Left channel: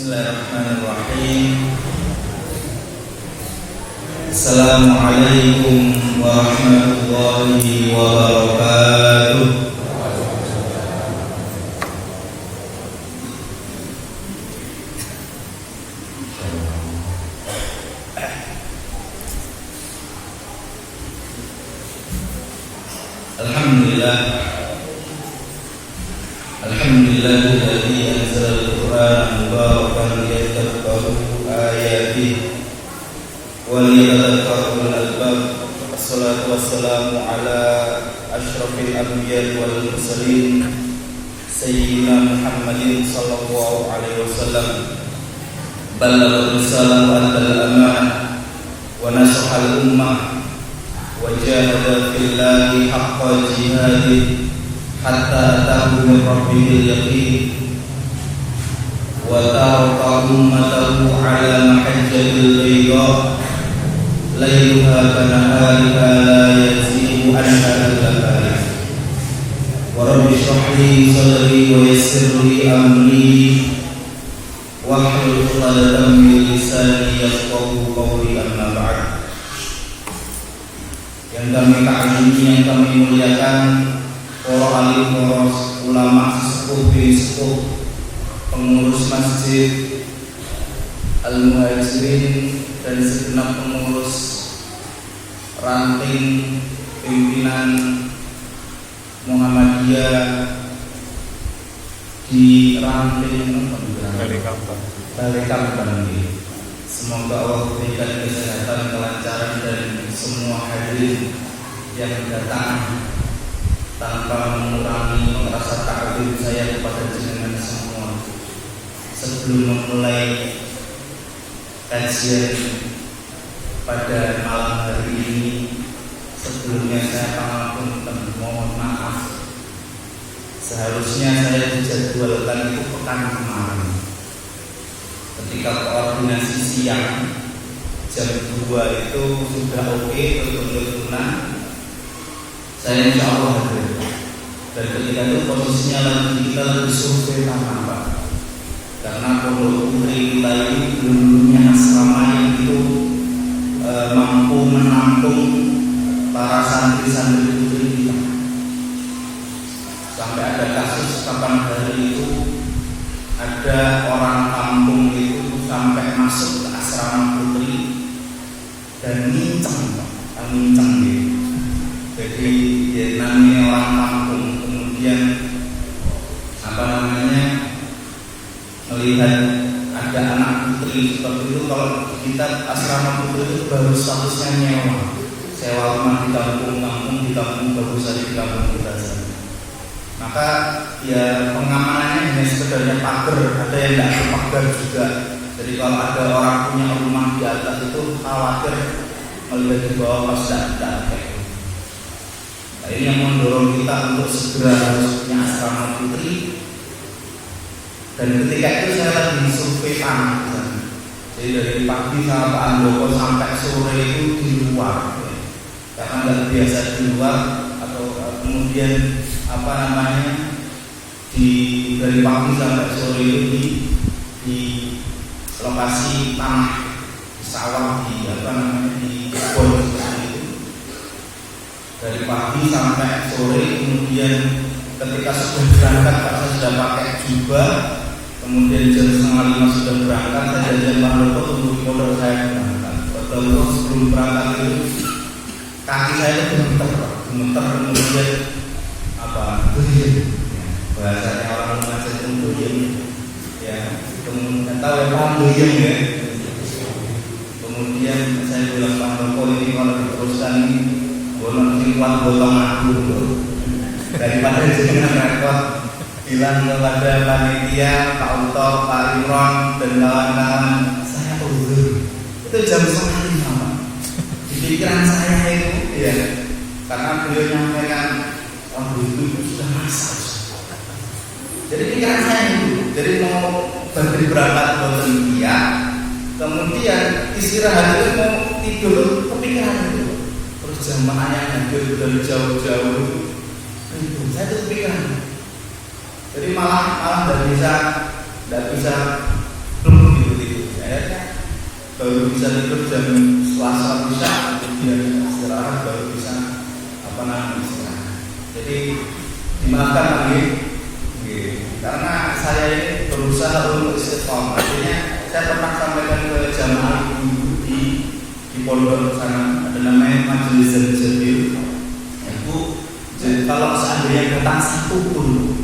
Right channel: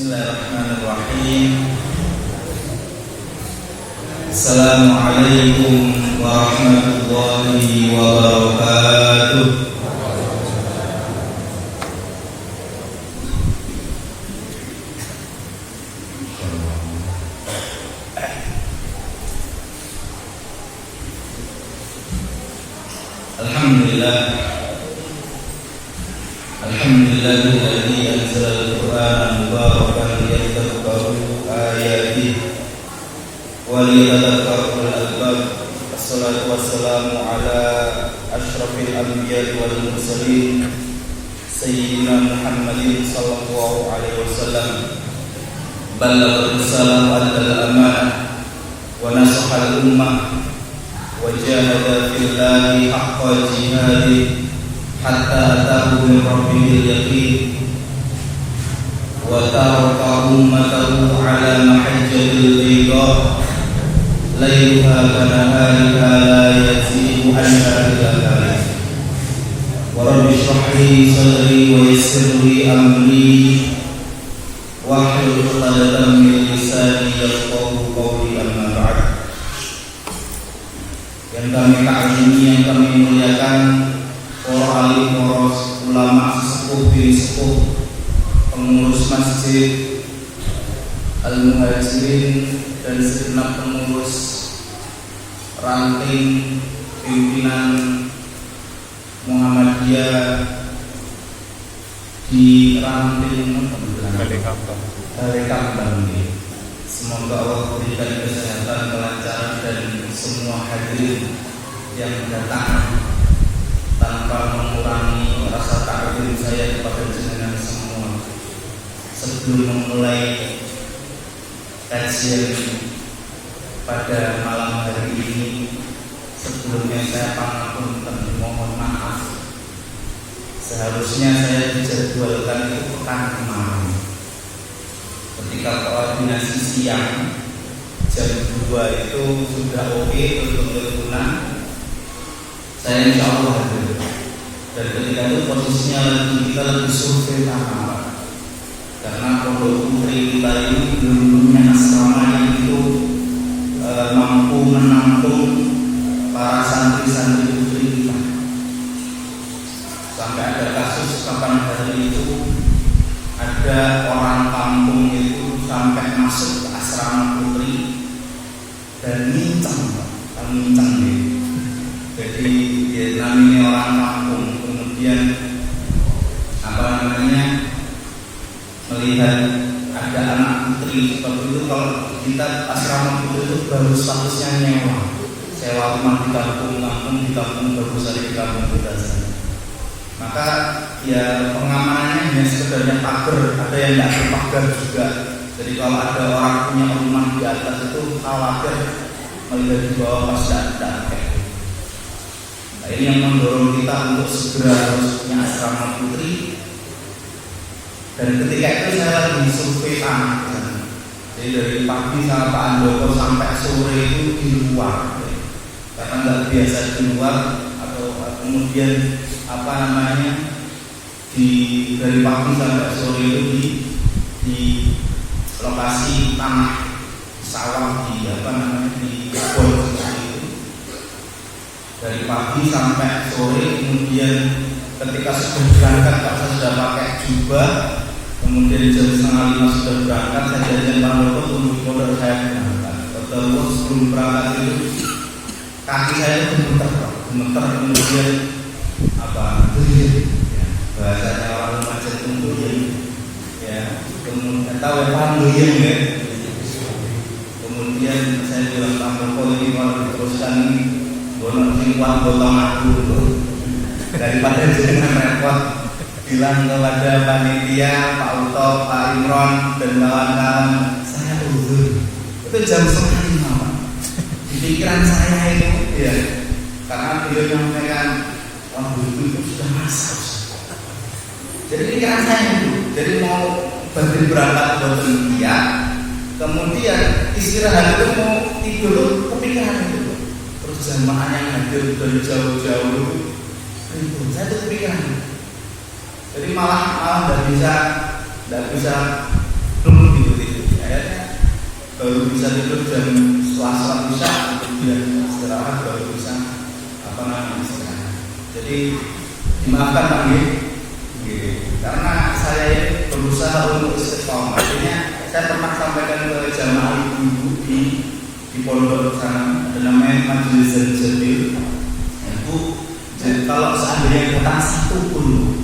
Bismillahirrahmanirrahim. Assalamualaikum warahmatullahi wabarakatuh. Alhamdulillahilladzi anzala al-Qur'ana mubarakan liyadabbaru ayatihi wa liyatadhakkaru ulul albab. Wassalatu wassalamu ala asyrafil anbiya'i wal mursalin sayyidina Muhammadin sallallahu alaihi wasallam. Ballagha risalata wa addal amanah wa nasaha al-ummah wa jahada fillahi haqqa jihadihi hatta atahu min rabbihil yaqin wa taraka ummatahu ala mahajjatil bayda layluha kanahariha la yazighu anha illa halik. Wa rabbi shrah li sadri wa yassir li amri wahlul 'uqdatam min lisani yafqahu qawli, amma ba'd. Yang kami ta'zimi, yang kami muliakan, para alim, para ulama, sesepuh bin sepuh, pengurus masjid Al-Muhajirin dan segenap pengurus ranting pimpinan Muhammadiyah di ranting Balai Kambang ini. Semoga Allah berikan kesehatan, kelancaran dan semua hadirin yang datang tanpa mengurangi rasa takdir saya kepada jenengan semua. Sebelum memulai kajian pada malam hari ini, sebelumnya saya pangapunten, mohon maaf. Seharusnya saya dijadwalkan itu pekan kemarin. Ketika koordinasi siang jam 2 itu sudah oke untuk teleponan, saya insya Allah hadir. Dan ketika itu posisinya kita lagi survei tanah, Pak. Karena pondok putri kita ini belum punya asrama yang itu mampu menampung para santri-santri putri kita. Sampai ada kasus kapan hari itu ada orang kampung itu sampai masuk ke asrama putri dan nginceng, Pak. Nginceng gitu. Jadi ya namanya orang kampung, kemudian melihat ada anak putri seperti itu. Kalau kita asrama putri itu baru statusnya nyewa, sewa rumah di kampung bagus hari di kampung kita sini. Maka ya pengamanannya hanya sekedarnya pagar, ada yang tidak berpagar juga. Jadi kalau ada orang punya rumah di atas itu khawatir melihat di bawah pas tidak pakai. Nah, ini yang mendorong kita untuk segera harus punya asrama putri. Dan ketika itu saya lagi survei tanah. Jadi dari pagi sama Pak Andoko sampai sore itu di luar, karena nggak biasa di luar. Atau kemudian dari pagi sampai sore itu di lokasi tanah sawah di kebun seperti itu. Dari pagi sampai sore, kemudian ketika sudah berangkat Pak, saya sudah pakai jubah, kemudian jam 4:30 sudah berangkat, saya janjian Pak Loko tunggu di pondok saya berangkat. Betul, sebelum berangkat itu kaki saya itu gemeter, kemudian doyen, ya, bahasanya orang Lumajang itu doyen, ya, kemudian tahu ya paham doyen ya. Kemudian saya bilang Pak Loko, ini kalau diteruskan ini bono sing kuat gotong aku daripada dengan repot. Bilang kepada panitia, Pak Uto, Pak Imron dan kawan-kawan, saya undur. Itu jam 4:30, Pak. Di pikiran saya itu, ya, karena beliau menyampaikan, itu sudah masak. Jadi pikiran saya itu, jadi mau bantu berangkat boten dia, kemudian istirahat itu mau tidur kepikiran itu. Terus jamaah yang hadir dari jauh-jauh itu, saya tuh kepikiran. Jadi malah tidak bisa belum baru bisa tidur jam setelah sholat isya, kemudian istirahat baru bisa istirahat. Jadi dimaafkan Pak Nggih. Karena saya ini berusaha untuk istiqomah. Artinya saya pernah sampaikan ke jamaah ibu-ibu di pondok sana, ada namanya Majelis Zabil. Ibu, jadi kalau seandainya datang satu pun,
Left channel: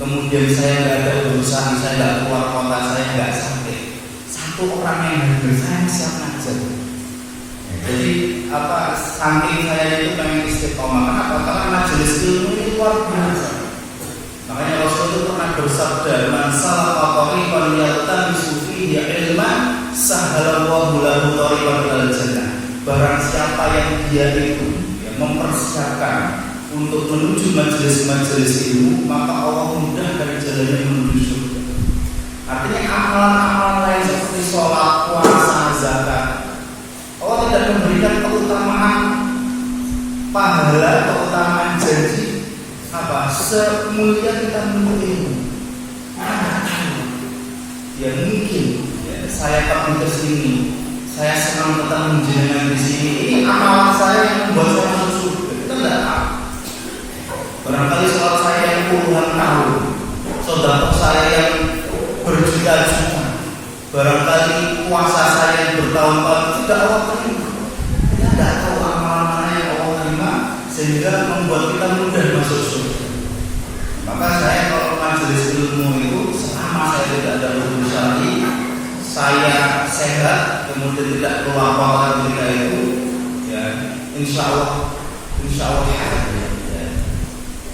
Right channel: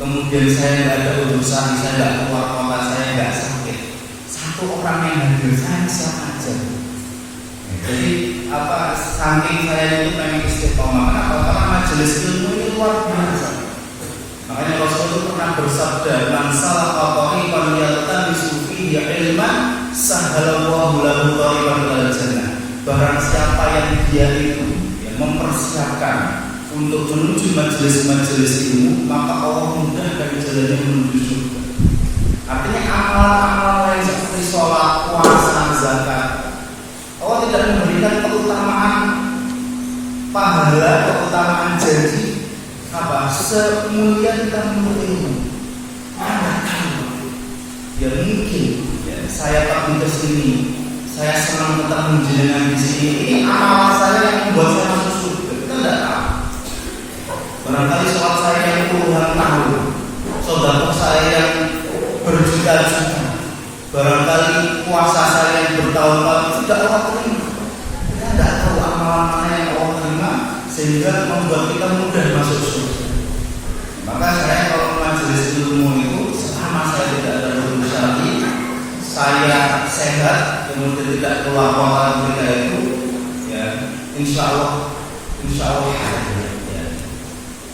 kemudian saya nggak ada urusan, saya nggak keluar kota, saya nggak sakit, satu orang yang hadir saya siap ngajar. Jadi saking saya itu pengen istiqomah. Kenapa? Karena majelis ilmu ini luar biasa. Makanya Rasul itu pernah bersabda, "Man salaka tariqan yaltamisu fihi ilman, sahhalallahu lahu tariqan ilal jannah." Barang siapa yang dia itu mempersiapkan untuk menuju majelis-majelis ilmu, maka Allah mudahkan jalannya menuju surga. Artinya amalan-amalan lain seperti sholat, puasa, zakat, Allah tidak memberikan keutamaan pahala, keutamaan janji semulia kita menuntut ilmu. Ya mungkin saya tetap ke sini, saya senang tetap menjenengan di sini. Ini amalan saya yang membuat saya masuk surga. Kita tidak tahu. Barangkali sholat saya yang puluhan tahun, sedekah saya yang berjuta-juta, barangkali puasa saya yang bertahun-tahun, tidak Allah terima. Kita tidak tahu amalan mana yang Allah terima sehingga membuat kita mudah masuk surga. Maka saya kalau majelis ilmu itu, selama saya tidak ada urusan syar'i, saya sehat, kemudian tidak keluar kota ketika itu, ya insya Allah ya.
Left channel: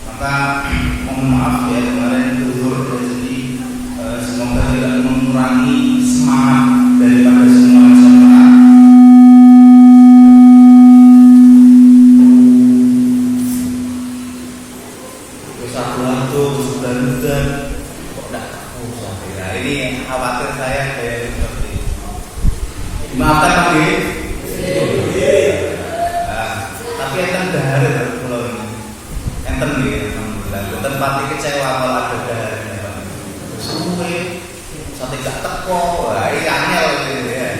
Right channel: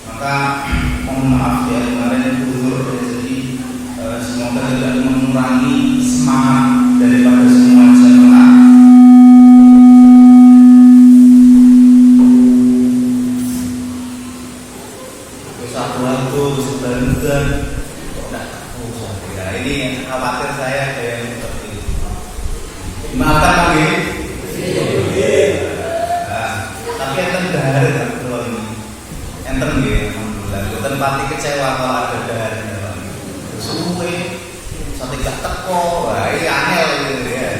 Maka mohon maaf ya kemarin uzur, jadi semoga tidak mengurangi semangat daripada semua jamaah. Satu sudah kok tidak tahu sampai. Nah, ini yang khawatir saya kayak seperti itu. Dimaafkan Pak Nggih. Tapi enten dahar ya kula ini. Enten nggih alhamdulillah. Mboten pati kecewa kalau ada daharnya Pak. Suwe sate gak teko. Wah, ini angel gitu ya.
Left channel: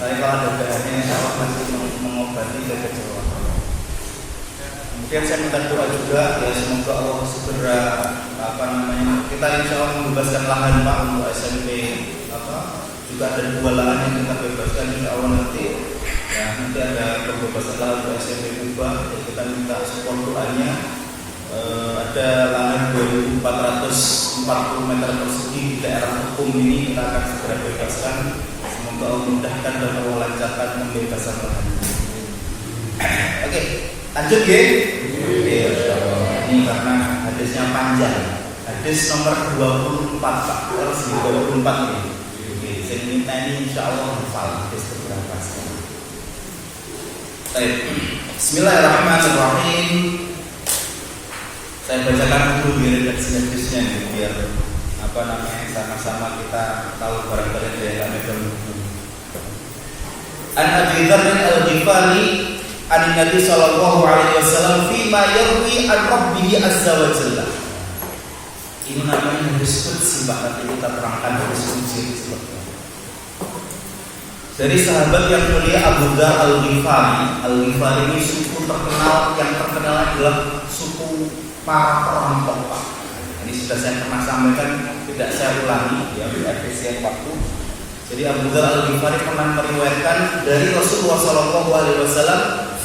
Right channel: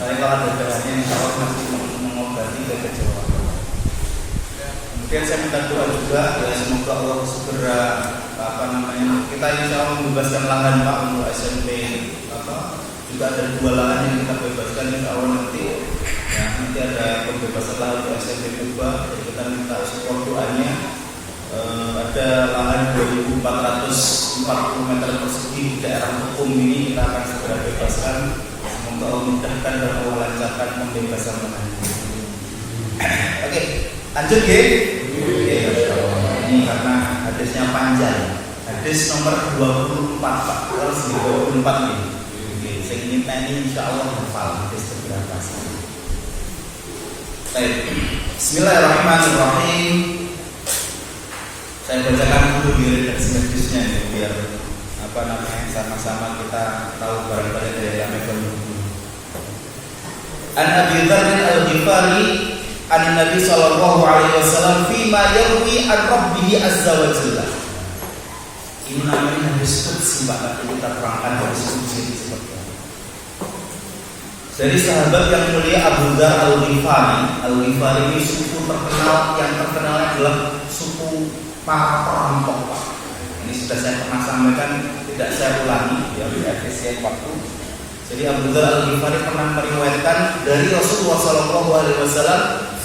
Tapi kalau ada daharnya insyaallah pasti mengobati kekecewaan. Kemudian saya minta doa juga ya semoga Allah segera kita insya Allah membebaskan lahan Pak untuk SMP juga ada 2 lahan yang kita bebaskan insya Allah nanti ada pembebasan lahan untuk SMP Kuba. Jadi kita minta support doanya. Ada lahan 2.440 meter persegi di daerah hukum ini kita akan segera bebaskan. Semoga Allah mudahkan dan Allah lancarkan pembebasan lahan. Oke, lanjut ya. Ini karena hadisnya panjang. Hadis nomor 24 Pak. Terus 24 nih. Saya ingin tanya insyaallah hafal hadis berapa sekali. Baik. Bismillahirrahmanirrahim. Saya bacakan dulu di redaksi hadisnya nih biar sama-sama kita tahu barangkali ada yang enggak megang buku. An Abi Dzar al-Ghifari an Nabi sallallahu alaihi wasallam fima yarwi an rabbih azza wa jalla. Ini namanya hadis qudsi Pak, nanti kita terangkan hadis qudsi itu seperti apa. Dari sahabat yang mulia Abu Dzar al-Ghifari. Al-Ghifari ini suku terkenal, yang terkenal adalah suku para perampok Pak. Ini sudah saya pernah sampaikan, tidak saya ulangi ya, efisien waktu. Jadi Abu Dzar al-Ghifari pernah meriwayatkan dari Rasulullah sallallahu alaihi wasallam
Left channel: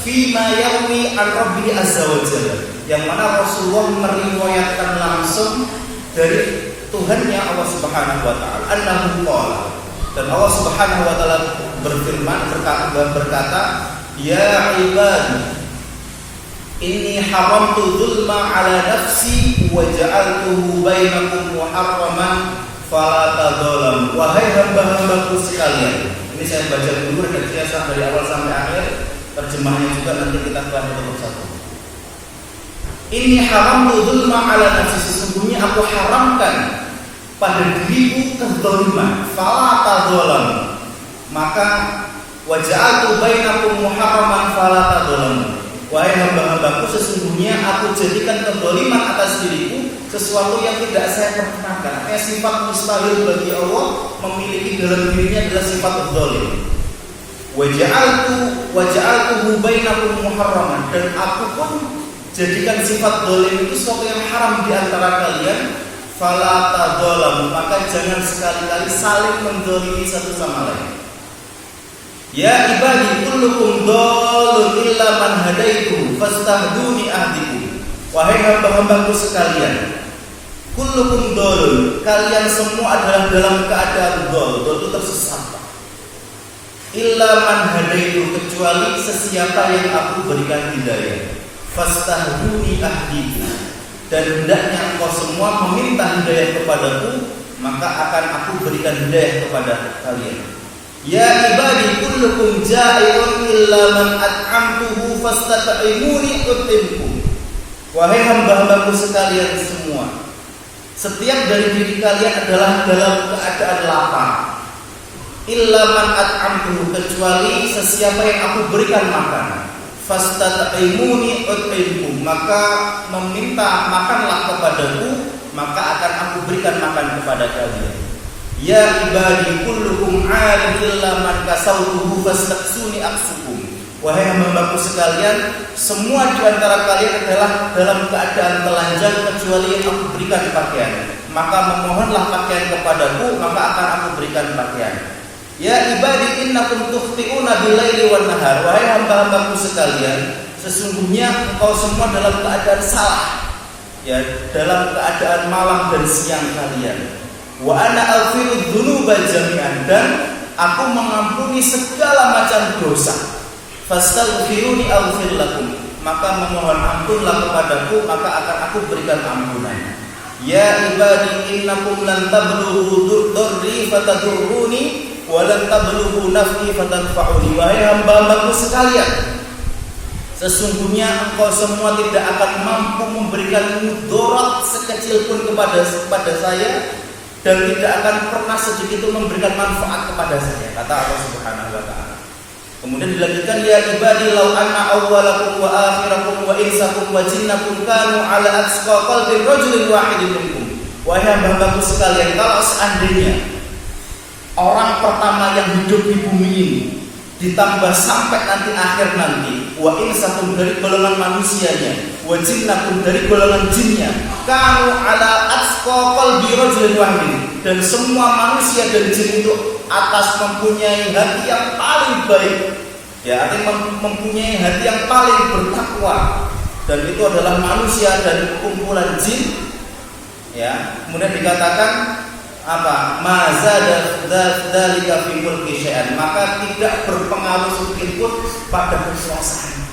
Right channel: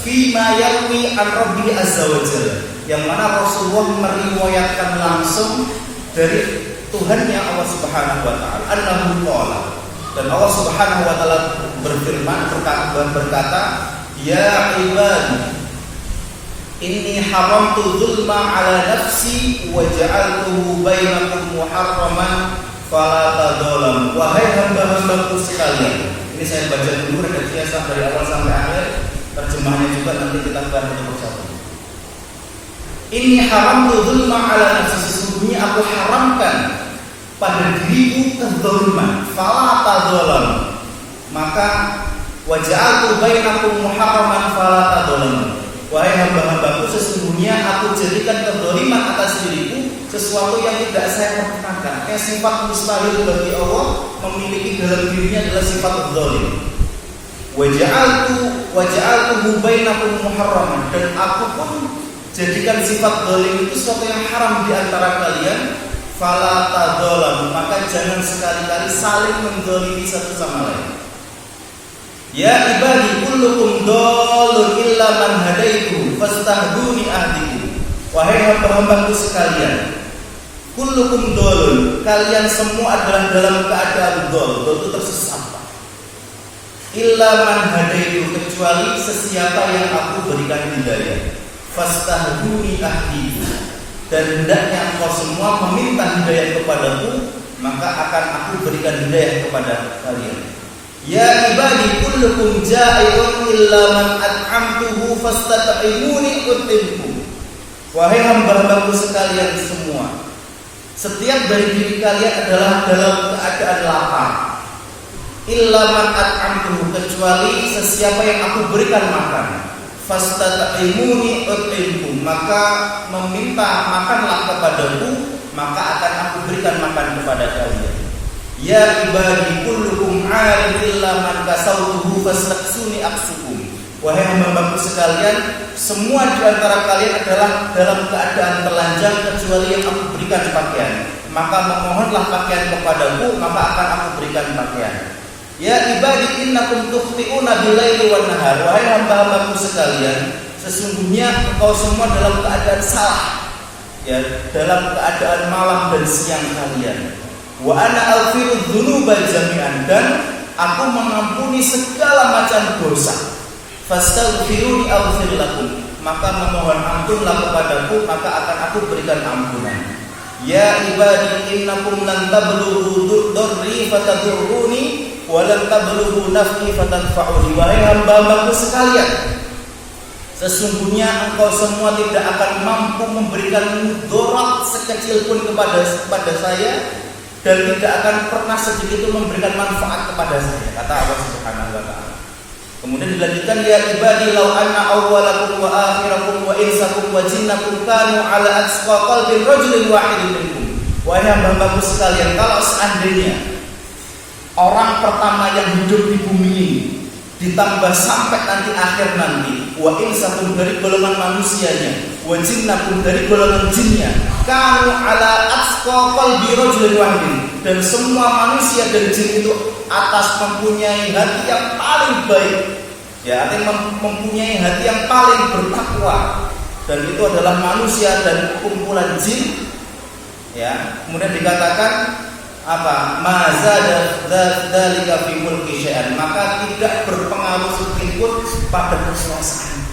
fima yarwi an rabbi azza wa jalla, yang mana Rasulullah meriwayatkan langsung dari Tuhannya Allah Subhanahu wa taala, annahu qala, dan Allah Subhanahu wa taala berfirman berkata, ya ibadi inni haramtu dzulma ala nafsi wa ja'altuhu bainakum muharraman fala tadzalamu. Wahai hamba-hambaku sekalian, ini saya baca dulu redaksinya dari awal sampai akhir. Terjemahnya juga nanti kita bahas satu persatu. Inni haramtu dzulma ala nafsi, sesungguhnya aku haramkan pada diriku kezaliman, fala tadzalamu, maka waja'altu bainakum muharraman fala tadzalamu. Wahai hamba-hambaku, sesungguhnya aku jadikan kezaliman atas diriku sesuatu yang tidak saya perkenakan. Artinya sifat mustahil bagi Allah memiliki dalam dirinya adalah sifat zalim. Waja'altuhu bainakum muharraman, dan aku pun jadikan sifat zalim itu sesuatu yang haram di antara kalian. Fala tadzalamu, maka jangan sekali-kali saling menzalimi satu sama lain. Ya ibadi kullukum dhalun illa man hadaitu fastahduni ahdikum. Wahai hamba-hambaku sekalian, kullukum dhalun, kalian semua adalah dalam keadaan dhal itu tersesat. Illa man hadaitu, kecuali sesiapa yang aku berikan hidayah. Fastahduni ahdikum, dan hendaknya engkau semua meminta hidayah kepadaku, maka akan aku berikan hidayah kepada kalian. Ya ibadi kullukum ja'iun illa man at'amtuhu fastat'imuni utimkum. Wahai hamba-hambaku sekalian semua, setiap dari diri kalian adalah dalam keadaan lapar. Illa man at'amtuhu, kecuali sesiapa yang aku berikan makan. Fastat'imuni utimkum, maka meminta makanlah kepadaku, maka akan aku berikan makan kepada kalian. Ya ibadi kullukum 'alim illa man kasautuhu fastaksuni aksukum. Wahai hamba-hambaku sekalian, semua di antara kalian adalah dalam keadaan telanjang kecuali yang aku berikan pakaian. Maka memohonlah pakaian kepadaku, maka akan aku berikan pakaian. Ya ibadi innakum tukhti'una bil-laili wan-nahar. Wahai hamba-hambaku sekalian, sesungguhnya engkau semua dalam keadaan salah, ya, dalam keadaan malam dan siang kalian. Wa ana aghfiru dzunuba jami'an, dan aku mengampuni segala macam dosa. Fastaghfiruni aghfir lakum, maka memohon ampunlah kepadaku, maka akan aku berikan ampunan. Ya ibadi innakum lan tablughu dzurri fatadurruni wa lan tablughu naf'i fatanfa'uni. Wahai hamba-hambaku sekalian, sesungguhnya engkau semua tidak akan mampu memberikan mudarat sekecil pun kepada saya, dan tidak akan pernah sedikit pun memberikan manfaat kepada saya, kata Allah Subhanahu wa taala. Kemudian dilanjutkan, ya ibadi law anna awwalakum wa akhirakum wa insakum wa jinnakum kanu ala atqa qalbi rajulin wahidin minkum. Wahai hamba-hambaku sekalian, kalau seandainya orang pertama yang hidup di bumi ini ditambah sampai nanti akhir nanti, wa insakum dari golongan manusianya, wa jinnakum dari golongan jinnya, kanu ala atqa qalbi rajulin wahidin, dan semua manusia dan jin itu atas mempunyai hati yang paling baik, ya, artinya mempunyai hati yang paling bertakwa, dan itu adalah manusia dan kumpulan jin, ya. Kemudian dikatakan apa? Mazada dzalika fi mulki syai'an, maka tidak berpengaruh sedikit pun pada kekuasaan.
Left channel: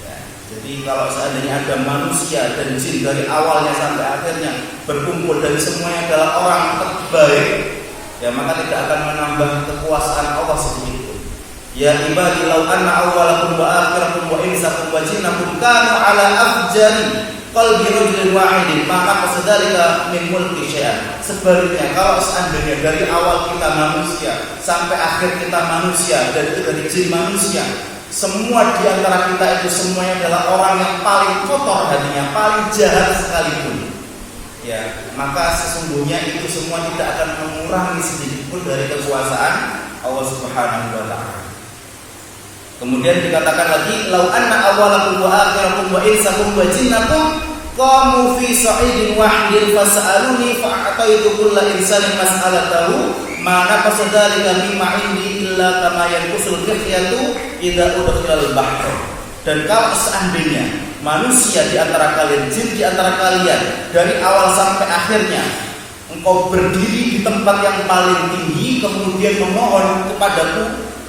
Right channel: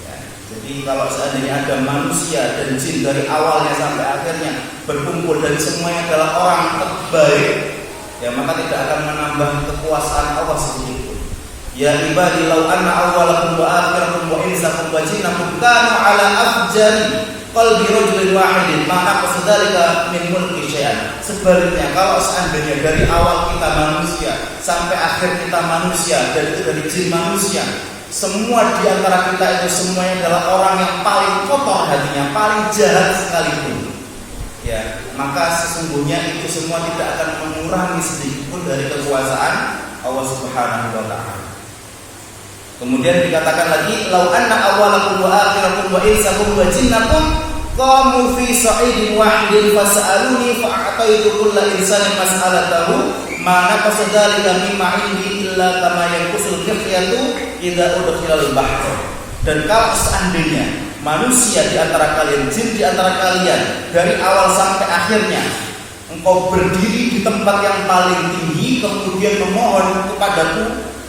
Ya, jadi kalau seandainya ada manusia dan jin dari awalnya sampai akhirnya berkumpul dan semuanya adalah orang terbaik, ya, maka tidak akan menambah kekuasaan Allah sedikit pun. Ya ibadi law anna awwalakum wa akhirakum wa insakum wa jinnakum kanu ala afjari qalbi rajulin wahidin maka qadzalika min mulki syai'an. Sebaliknya, kalau seandainya dari awal kita manusia sampai akhir kita manusia, dan itu dari jin manusia, semua di antara kita itu semuanya adalah orang yang paling kotor hatinya, paling jahat sekalipun, ya, maka sesungguhnya itu semua tidak akan mengurangi sedikit pun dari kekuasaan Allah Subhanahu wa taala. Kemudian dikatakan lagi, lau anna awwalakum wa akhirakum wa insakum wa jinnakum qamu fi sa'idin wahidin fas'aluni fa'ataitu kulla insanin mas'alatahu ma naqasa dzalika mimma indi illa kama yanqusul qiyatu idza udkhilal bahr. Dan kalau seandainya manusia di antara kalian, jin di antara kalian, dari awal sampai akhirnya engkau berdiri di tempat yang paling tinggi kemudian memohon kepadaku,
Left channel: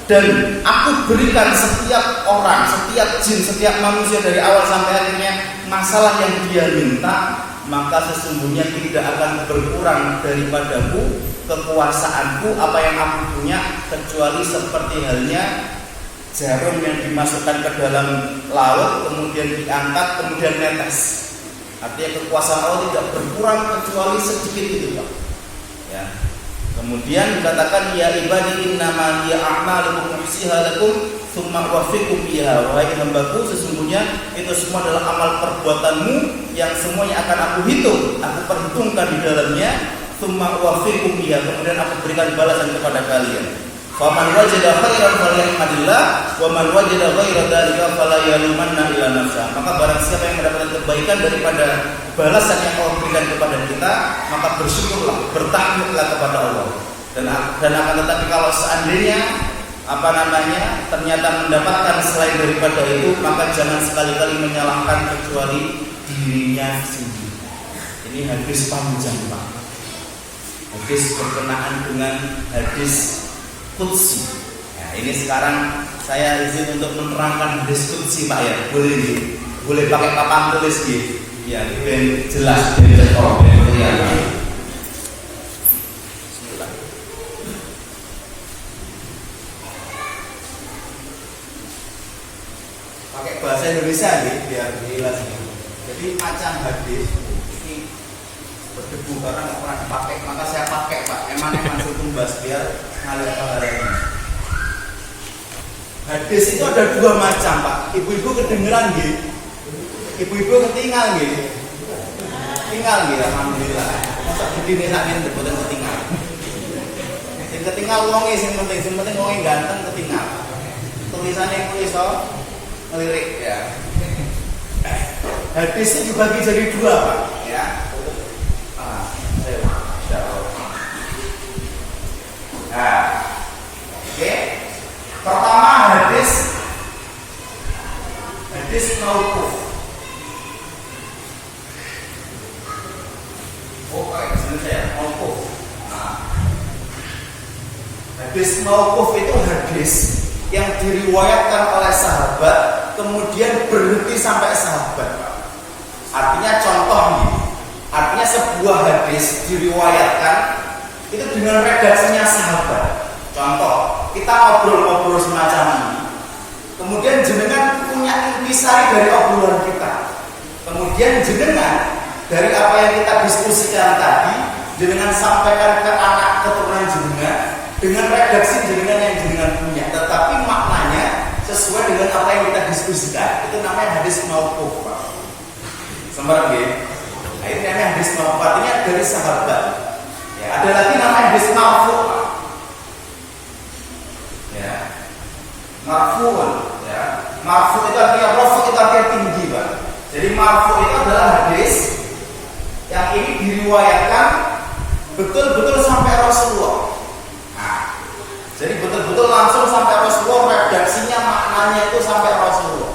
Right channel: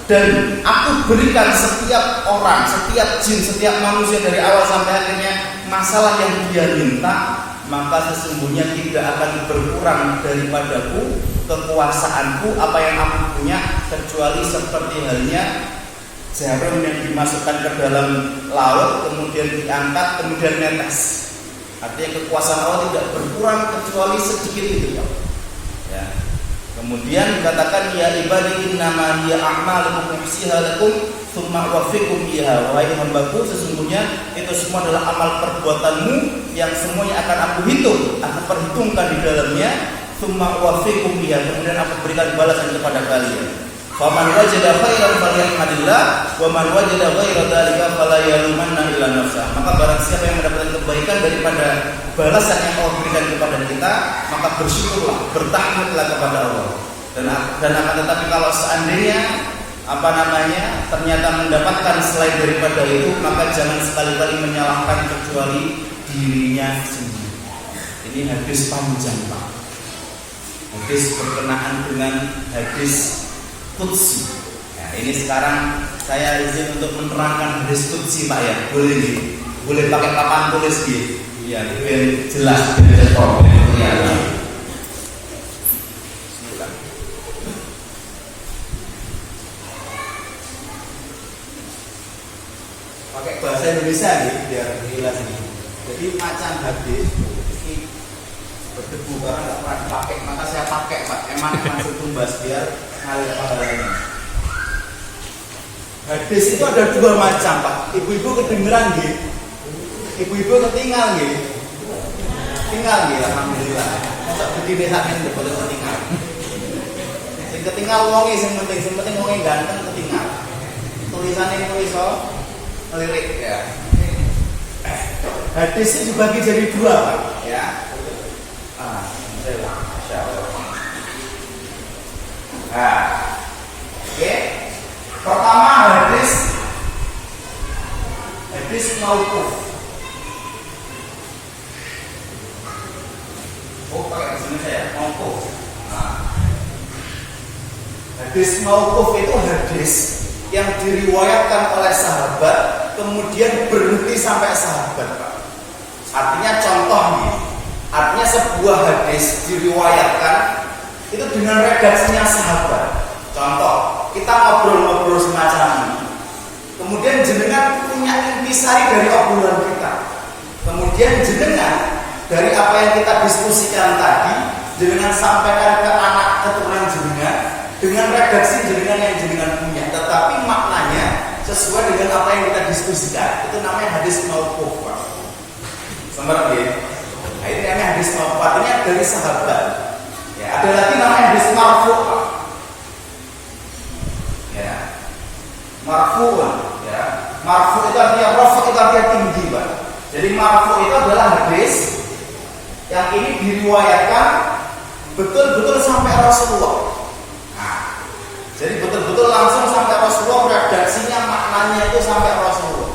dan aku berikan setiap orang, setiap jin, setiap manusia dari awal sampai akhirnya masalah yang dia minta, maka sesungguhnya tidak akan berkurang daripadaku kekuasaanku apa yang aku punya, kecuali seperti halnya jarum yang dimasukkan ke dalam laut kemudian diangkat kemudian netes. Artinya kekuasaan Allah tidak berkurang kecuali sedikit itu, Pak. Ya. Kemudian dikatakan, ya ibadi innama hiya a'malukum uhsiha lakum tsumma uwaffikum biha. Wahai hambaku, sesungguhnya itu semua adalah amal perbuatanmu yang semuanya akan aku hitung, aku perhitungkan di dalamnya, tsumma uwaffikum biha, kemudian aku berikan balasan kepada kalian. Faman wajada khairan falyahmadillah wa man wajada ghaira dzalika fala yalumanna illa nafsa. Maka barang siapa yang mendapatkan kebaikan daripada balasan yang Allah berikan kepada kita, maka bersyukurlah, bertahmidlah kepada Allah. Dan akan tetapi kalau seandainya ternyata mendapatkan selain daripada itu, maka jangan sekali-kali menyalahkan kecuali dirinya sendiri. Ini hadis panjang, Pak. Hadis berkenaan dengan hadis Qudsi. Ya, ini sekarang saya izin untuk menerangkan hadis Qudsi, Pak ya. Boleh nggih? Boleh pakai papan tulis nggih? Ya, biar jelas, biar terang. Ya. Bismillah. Pakai bahasa Indonesia nih, biar jelas nih. Jadi macam hadis ini berdebu karena nggak pernah dipakai, maka saya pakai, Pak. Eman tumbas biar ngalir pahalanya. Hadis itu ada dua macam, Pak. Ibu-ibu kedengeran nggih? Ibu-ibu ketinggal nggih? Tinggal nggih, alhamdulillah. Mosok bedine sakit boleh ketinggal. Sing ketinggal wonge sing penting wonge ganteng ketinggal. Tulisannya pun iso ngelirik ya. Hadis itu dibagi jadi dua, Pak, ya. Oke. Pertama hadis mauquf. Pakai bahasa ya, mauquf. Hadis mauquf itu hadis yang diriwayatkan oleh sahabat kemudian berhenti sampai sahabat, Pak. Artinya contoh nih. Artinya sebuah hadis diriwayatkan itu dengan redaksinya sahabat. Contoh, kita ngobrol-ngobrol semacam ini. Kemudian jenengan punya intisari dari obrolan kita. Kemudian jenengan dari apa yang kita diskusikan tadi, jenengan sampaikan ke anak keturunan jenengan dengan redaksi jenengan yang jenengan punya. Tetapi maknanya sesuai dengan apa yang kita diskusikan. Itu namanya hadis mauquf, Pak. Sempat ya. Nah, ini namanya hadis mauquf, artinya dari sahabat. Ya, ada lagi namanya hadis marfu'. Ya. Marfu'un, ya. Marfu' itu artinya rafu' itu artinya tinggi, Pak. Jadi marfu' itu adalah hadis yang ini diriwayatkan betul-betul sampai Rasulullah. Nah, jadi betul-betul langsung sampai Rasulullah, redaksinya maknanya itu sampai Rasulullah.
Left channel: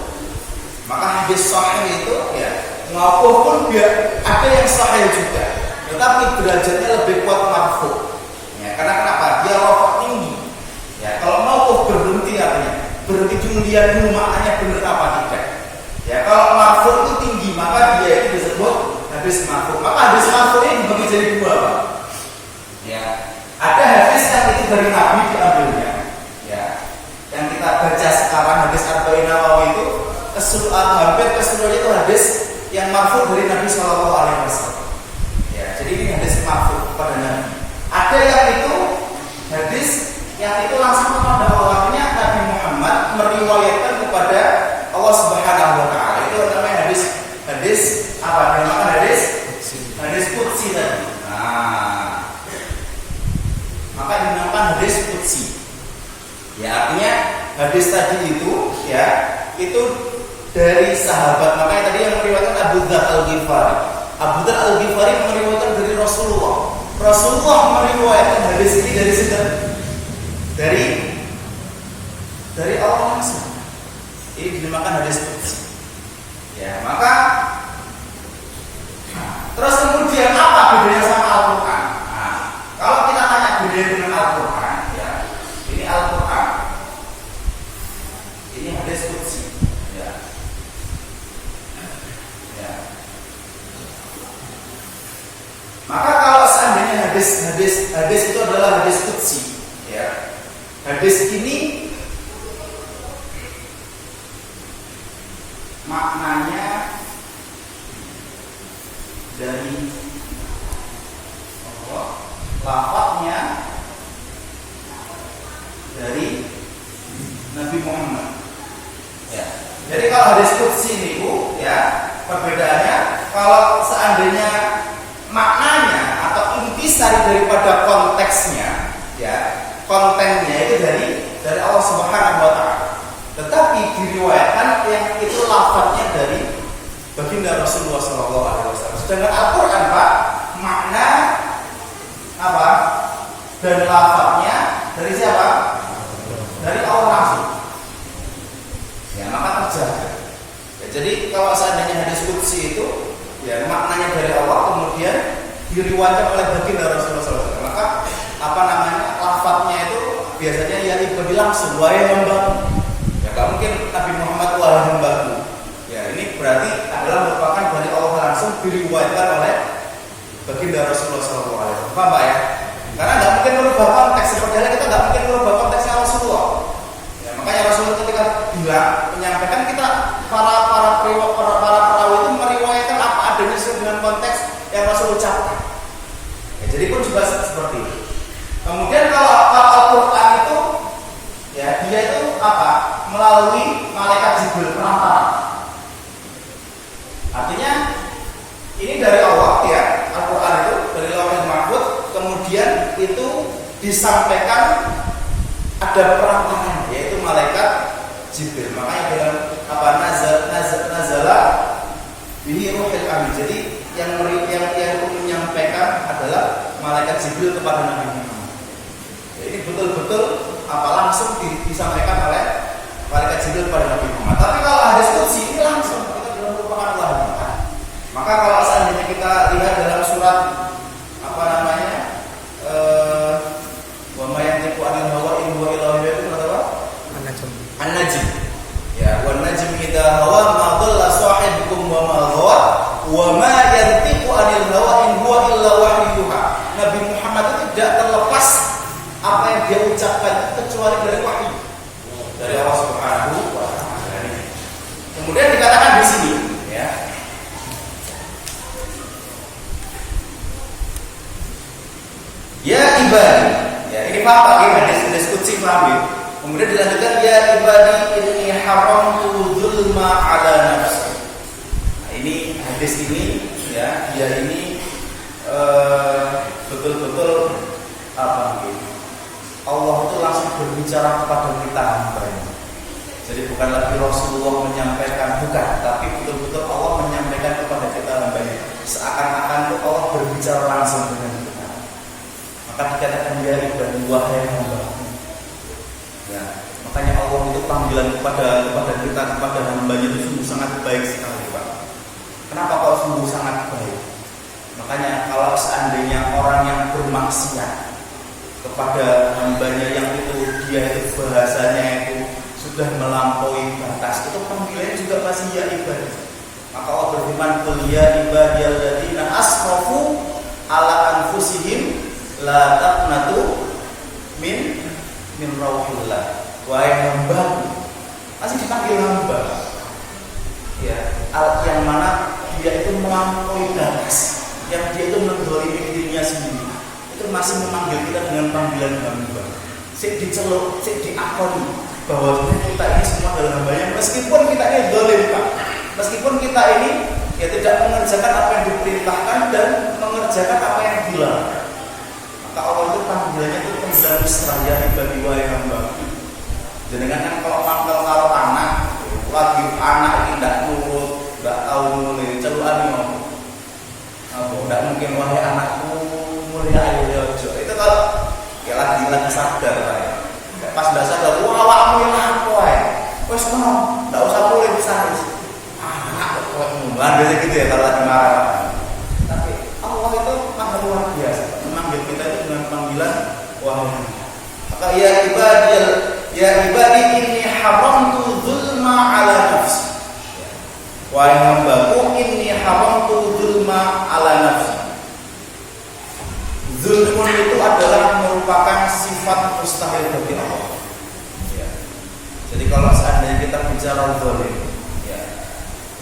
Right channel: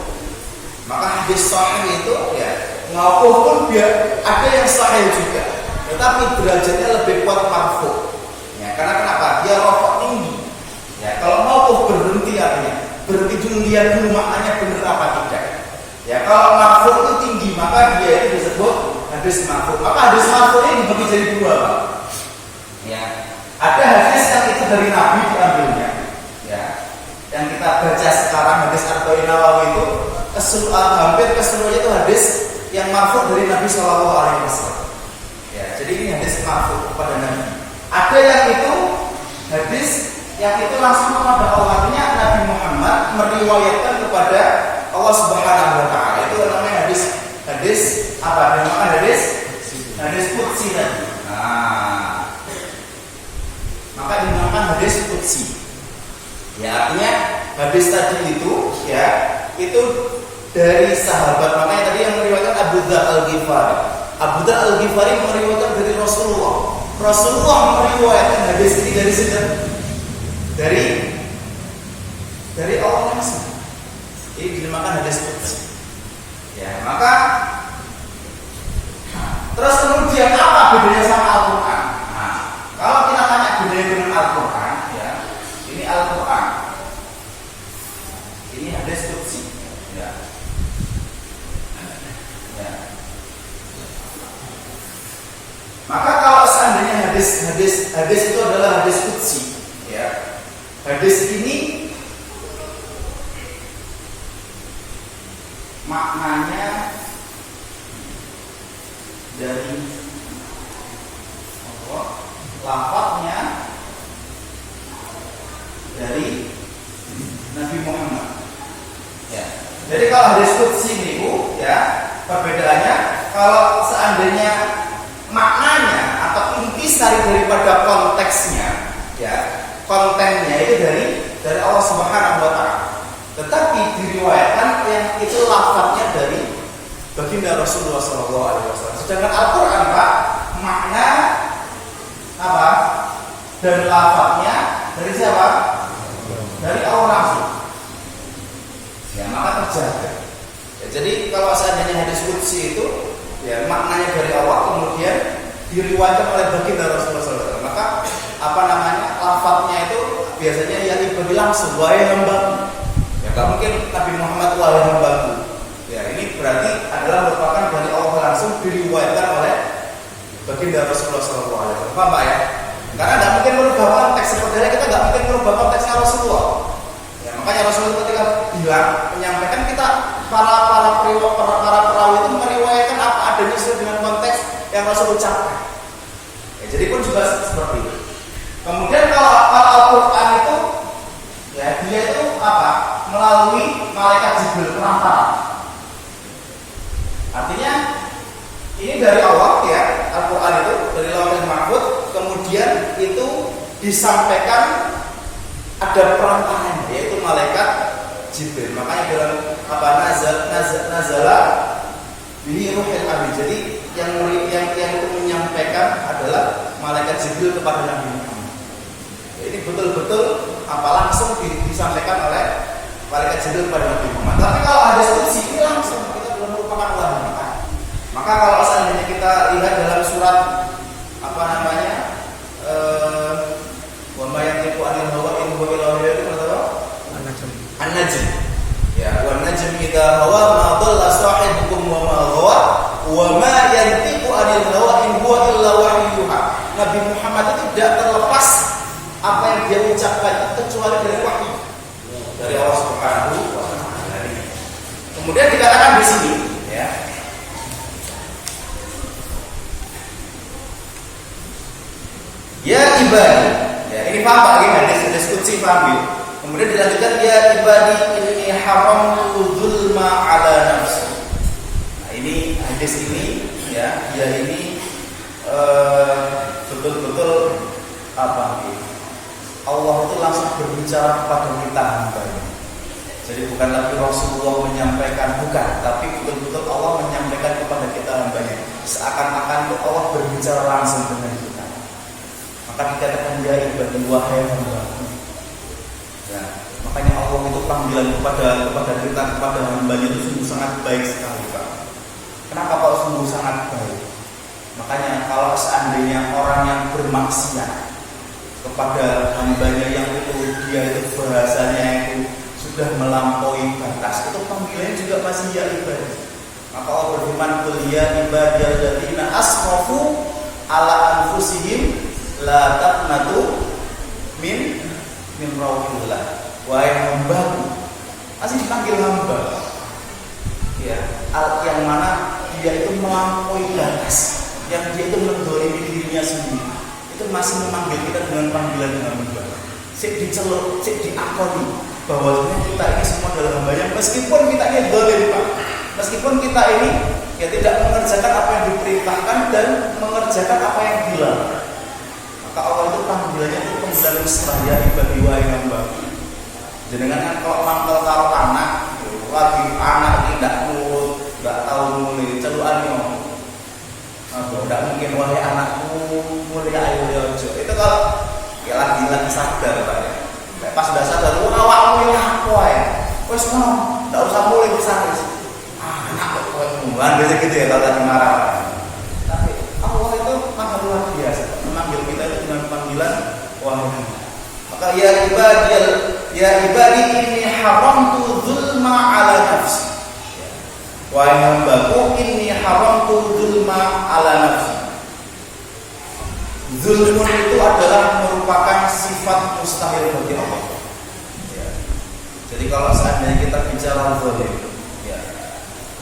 Maka hadis sahih itu ya mauquf pun ada yang sahih juga, tetapi derajatnya lebih kuat marfu. Ya, karena kenapa? Dia rafa' tinggi. Ya, kalau mauquf berhenti artinya berhenti dulu, lihat dulu maknanya benar apa tidak. Ya, kalau marfu itu tinggi, maka dia itu disebut hadis marfu. Maka hadis marfu ini dibagi jadi dua, Pak. Ya, ada hadis yang itu dari Nabi diambilnya. Ya, yang kita baca sekarang hadis Arba'in Nawawi itu hampir keseluruhannya itu hadis yang marfu dari Nabi Shallallahu Alaihi Wasallam. Ya, jadi ini hadis marfu kepada Nabi. Ada yang itu hadis yang itu langsung kepada Allah, artinya Nabi Muhammad meriwayatkan kepada Allah Subhanahu Wa Taala. Itu namanya hadis apa? Namanya hadis qudsi tadi. Nah, maka dinamakan hadis qudsi. Ya, artinya hadis tadi itu ya itu dari sahabat. Makanya tadi yang meriwayatkan Abu Dzar Al-Ghifari. Abu Dzar Al-Ghifari meriwayatkan dari Rasulullah. Rasulullah meriwayatkan hadis ini dari siapa? Dari Allah langsung. Ini dinamakan hadis qudsi. Ya, maka terus kemudian apa bedanya sama Al-Qur'an? Nah, kalau kita tanya bedanya dengan Al-Qur'an, ya, ini Al-Qur'an. Ini hadis qudsi. Ya. Ya. Maka kalau seandainya hadis itu adalah hadis qudsi, ya. Hadis ini maknanya dari Allah, lafaznya dari Nabi Muhammad. Ya. Jadi kalau hadis qudsi itu ya perbedaannya, kalau seandainya maknanya atau intisari daripada konteksnya ya kontennya itu dari Allah Subhanahu wa taala. Tetapi diriwayatkan yang itu lafadznya dari baginda Rasulullah sallallahu alaihi wasallam. Sedangkan Al-Qur'an, Pak, makna apa? Dan lafadznya dari siapa? Dari Allah langsung. Ya, maka terjaga. Ya, jadi kalau seandainya hadis qudsi itu ya maknanya dari Allah kemudian diriwayatkan oleh baginda Rasulullah SAW, maka apa namanya lafadznya itu biasanya ya ibadi langsung, wahai hambaku. Ya nggak mungkin Nabi Muhammad wahai hambaku. Ya ini berarti adalah merupakan dari Allah langsung diriwayatkan oleh baginda Rasulullah SAW. Paham Pak ya? Karena nggak mungkin merubah konteks, sebenarnya kita nggak mungkin merubah konteksnya Rasulullah. Ya, makanya Rasulullah ketika bilang menyampaikan kita para perawi itu meriwayatkan apa adanya sesuai dengan konteks yang Rasul ucapkan. Ya, jadi pun juga seperti itu. Kemudian kalau Al-Qur'an itu ya dia itu apa? Melalui malaikat Jibril perantara. Artinya ini dari Allah ya, Al-Qur'an itu dari Lauhul Mahfuz, kemudian itu disampaikan ada perantaranya yaitu malaikat Jibril. Makanya dalam apa nazala bihi ruhul amin. Jadi yang itu menyampaikan adalah malaikat Jibril kepada Nabi Muhammad. Ya, ini betul-betul apa langsung disampaikan oleh malaikat Jibril kepada Nabi Muhammad. Tapi kalau hadis qudsi ini langsung itu belum merupakan wahyu. Maka kalau seandainya kita lihat dalam surat apa namanya wa ma yantiqu anil hawa in huwa illa wahyun, itu apa? An-Najm. Ya, wan najm idza hawa ma dhalla sahibukum wa ma ghawa wa ma yantiqu anil hawa in huwa illa wahyuha. Nabi Muhammad itu tidak terlepas apa yang dia ucapkan kecuali dari wahyu dari Allah Subhanahu wa taala. Kemudian dikatakan di sini ya. Ya ibadi, ya ini paham Pak, ini hadis qudsi paham ya. Kemudian dilanjutkan ya ibadi inni haramtu dzulma ala nafsi. Nah, ini hadis ini ya, dia ini betul-betul apa gitu. Allah itu langsung berbicara kepada kita hamba-Nya. Jadi bukan lagi Rasulullah menyampaikan, bukan, tapi betul-betul Allah menyampaikan kepada kita hamba-Nya. Seakan-akan itu Allah berbicara langsung dengan kita. Maka dikatakan ya ibadi wahai hamba-Ku. Ya, makanya Allah itu panggilan kepada kita, kepada hamba-Nya itu sungguh sangat baik sekali, Pak. Kenapa kok sungguh sangat baik? Makanya kalau seandainya orang yang bermaksiat kepada hamba-Nya yang itu dia itu bahasanya itu sudah melampaui batas, itu panggilannya juga pasti ya ibadi. Maka Allah berfirman qul ya ibadiyalladzina asrafu ala anfusihim la taqnatu min rauhillah. Wahai hamba-Ku, masih dipanggil hamba. Ya, yang mana dia itu melampaui batas, yang dia itu mendolimi dirinya sendiri. Itu masih memanggil kita dengan panggilan hamba. Sik diceluk, sik diakoni bahwa kita ini semua adalah hamba-Nya, meskipun kita ini zalim, Pak. Meskipun kita ini ya tidak mengerjakan apa yang diperintahkan dan mengerjakan apa yang dilarang. Maka Allah itu panggilannya itu panggilan mesra, ya ibadi wahai hamba-Ku. Jenengan kan kalau mangkel karo anak, lagi anak ini tidak nurut, tidak tahu mulai celukan yo. Tidak mungkin wahai anakku mulai ayo ojo. Itu kalau ya lagi sadar Pak ya. Pas sudah sadar, awakmu yang apa ya? Wes ngono, tidak usah mulai bisa wis. Anak kok kowe munglan biasa gitu ya kalau lagi marah Pak. Tapi Allah itu maha luar biasa, Pak. Memanggil kita itu dengan panggilan wahai. Maka ya ibadi inni haramtu dzulma ala nafsi. Wahai hamba-Ku, inni haramtu dzulma ala nafsi. Zulmun itu adalah merupakan sifat mustahil bagi Allah. Ya. Jadi kalau seandainya kita bicara zalim, ya,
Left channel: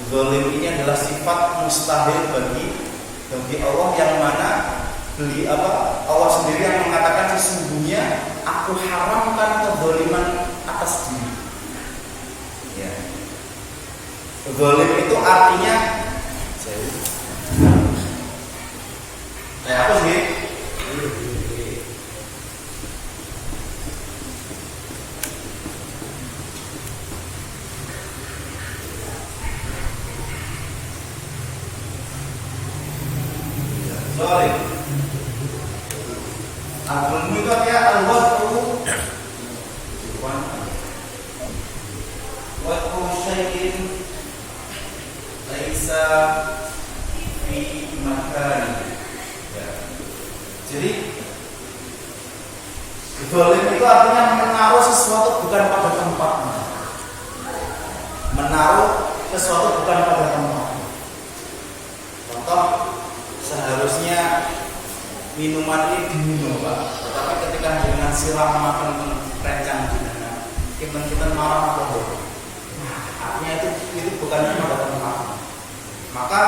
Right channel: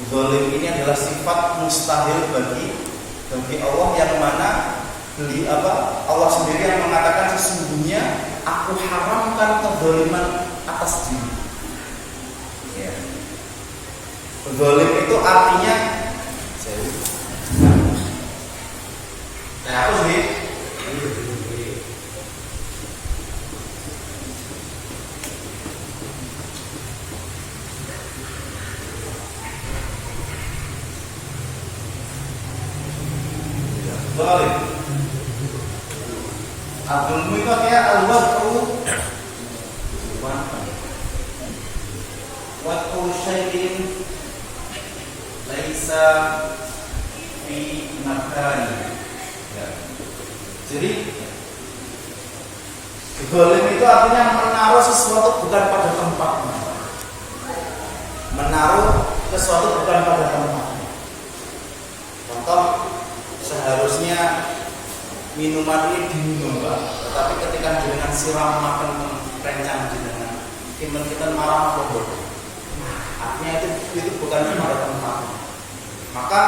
zalim ini adalah sifat mustahil bagi Allah yang mana Allah sendiri yang mengatakan sesungguhnya aku haramkan kezaliman atas diri. Ya. Zalim itu artinya aku sih zalim. Al-zulmu itu artinya al-wad'u wad'u syai'in laisa fi makan. Ya. Jadi zalim itu artinya menaruh sesuatu bukan pada tempatnya. Menaruh sesuatu bukan pada tempatnya. Contoh, seharusnya minuman ini diminum, Pak. Tetapi ketika dengan siram makan rencang dengan kita marah atau bodoh. Nah, artinya itu bukan pada tempatnya. Maka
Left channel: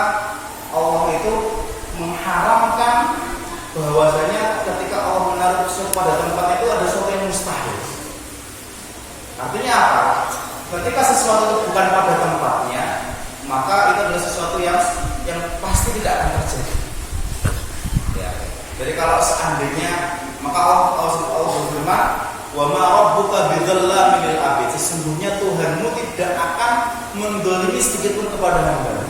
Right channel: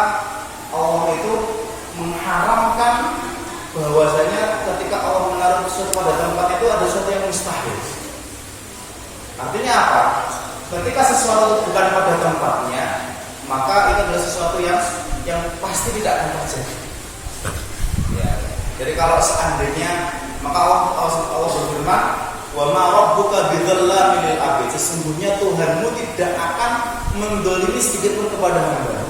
Allah itu mengharamkan bahwasanya ketika Allah menaruh sesuatu pada tempatnya itu ada sesuatu yang mustahil. Artinya apa? Ketika sesuatu bukan pada tempatnya, maka itu adalah sesuatu yang pasti tidak akan terjadi. Ya. Jadi kalau seandainya, maka Allah berfirman, "Wa ma rabbuka bidzallamin lil 'abid." Sesungguhnya Tuhanmu tidak akan mendolimi sedikit pun kepada hamba.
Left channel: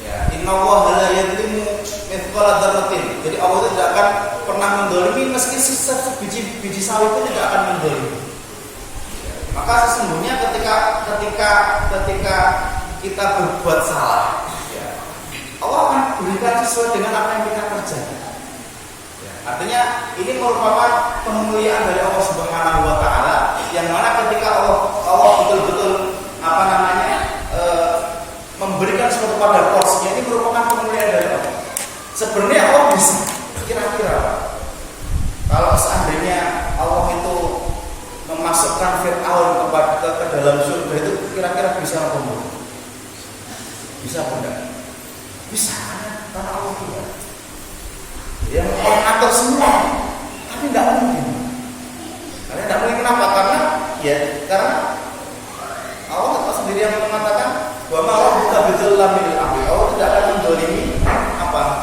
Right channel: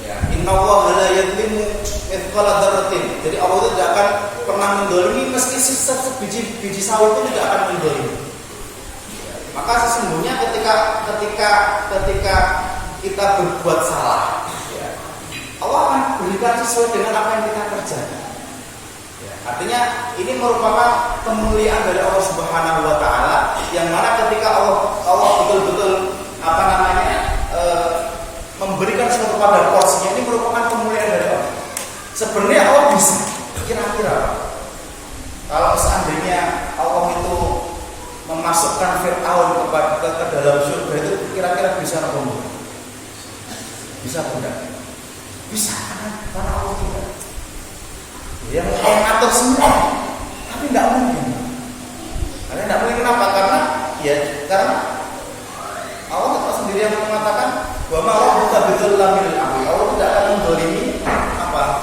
Ya, innallaha la yadzlimu mithqala dzarratin. Jadi Allah itu tidak akan pernah mendolimi meski sebiji sawi pun tidak akan mendolimi. Maka sesungguhnya ketika kita berbuat salah, ya, Allah akan berikan sesuai dengan apa yang kita kerjakan. Ya, artinya ini merupakan kemuliaan dari Allah Subhanahu Wa Taala, yang mana ketika Allah betul-betul memberikan sesuatu pada porsinya, ini merupakan kemuliaan dari Allah. Sebenarnya Allah bisa, kira-kira Pak, kalau seandainya Allah itu memasukkan Fir'aun ke dalam surga, itu kira-kira bisa apa enggak? Bisa apa enggak? Bisa, karena Allah tidak. Yang mengatur semua, tapi tidak mungkin. Karena tidak mungkin kenapa? Karena Allah sendiri yang mengatakan bahwa Allah buta betul lamil api. Allah tidak akan mendolimi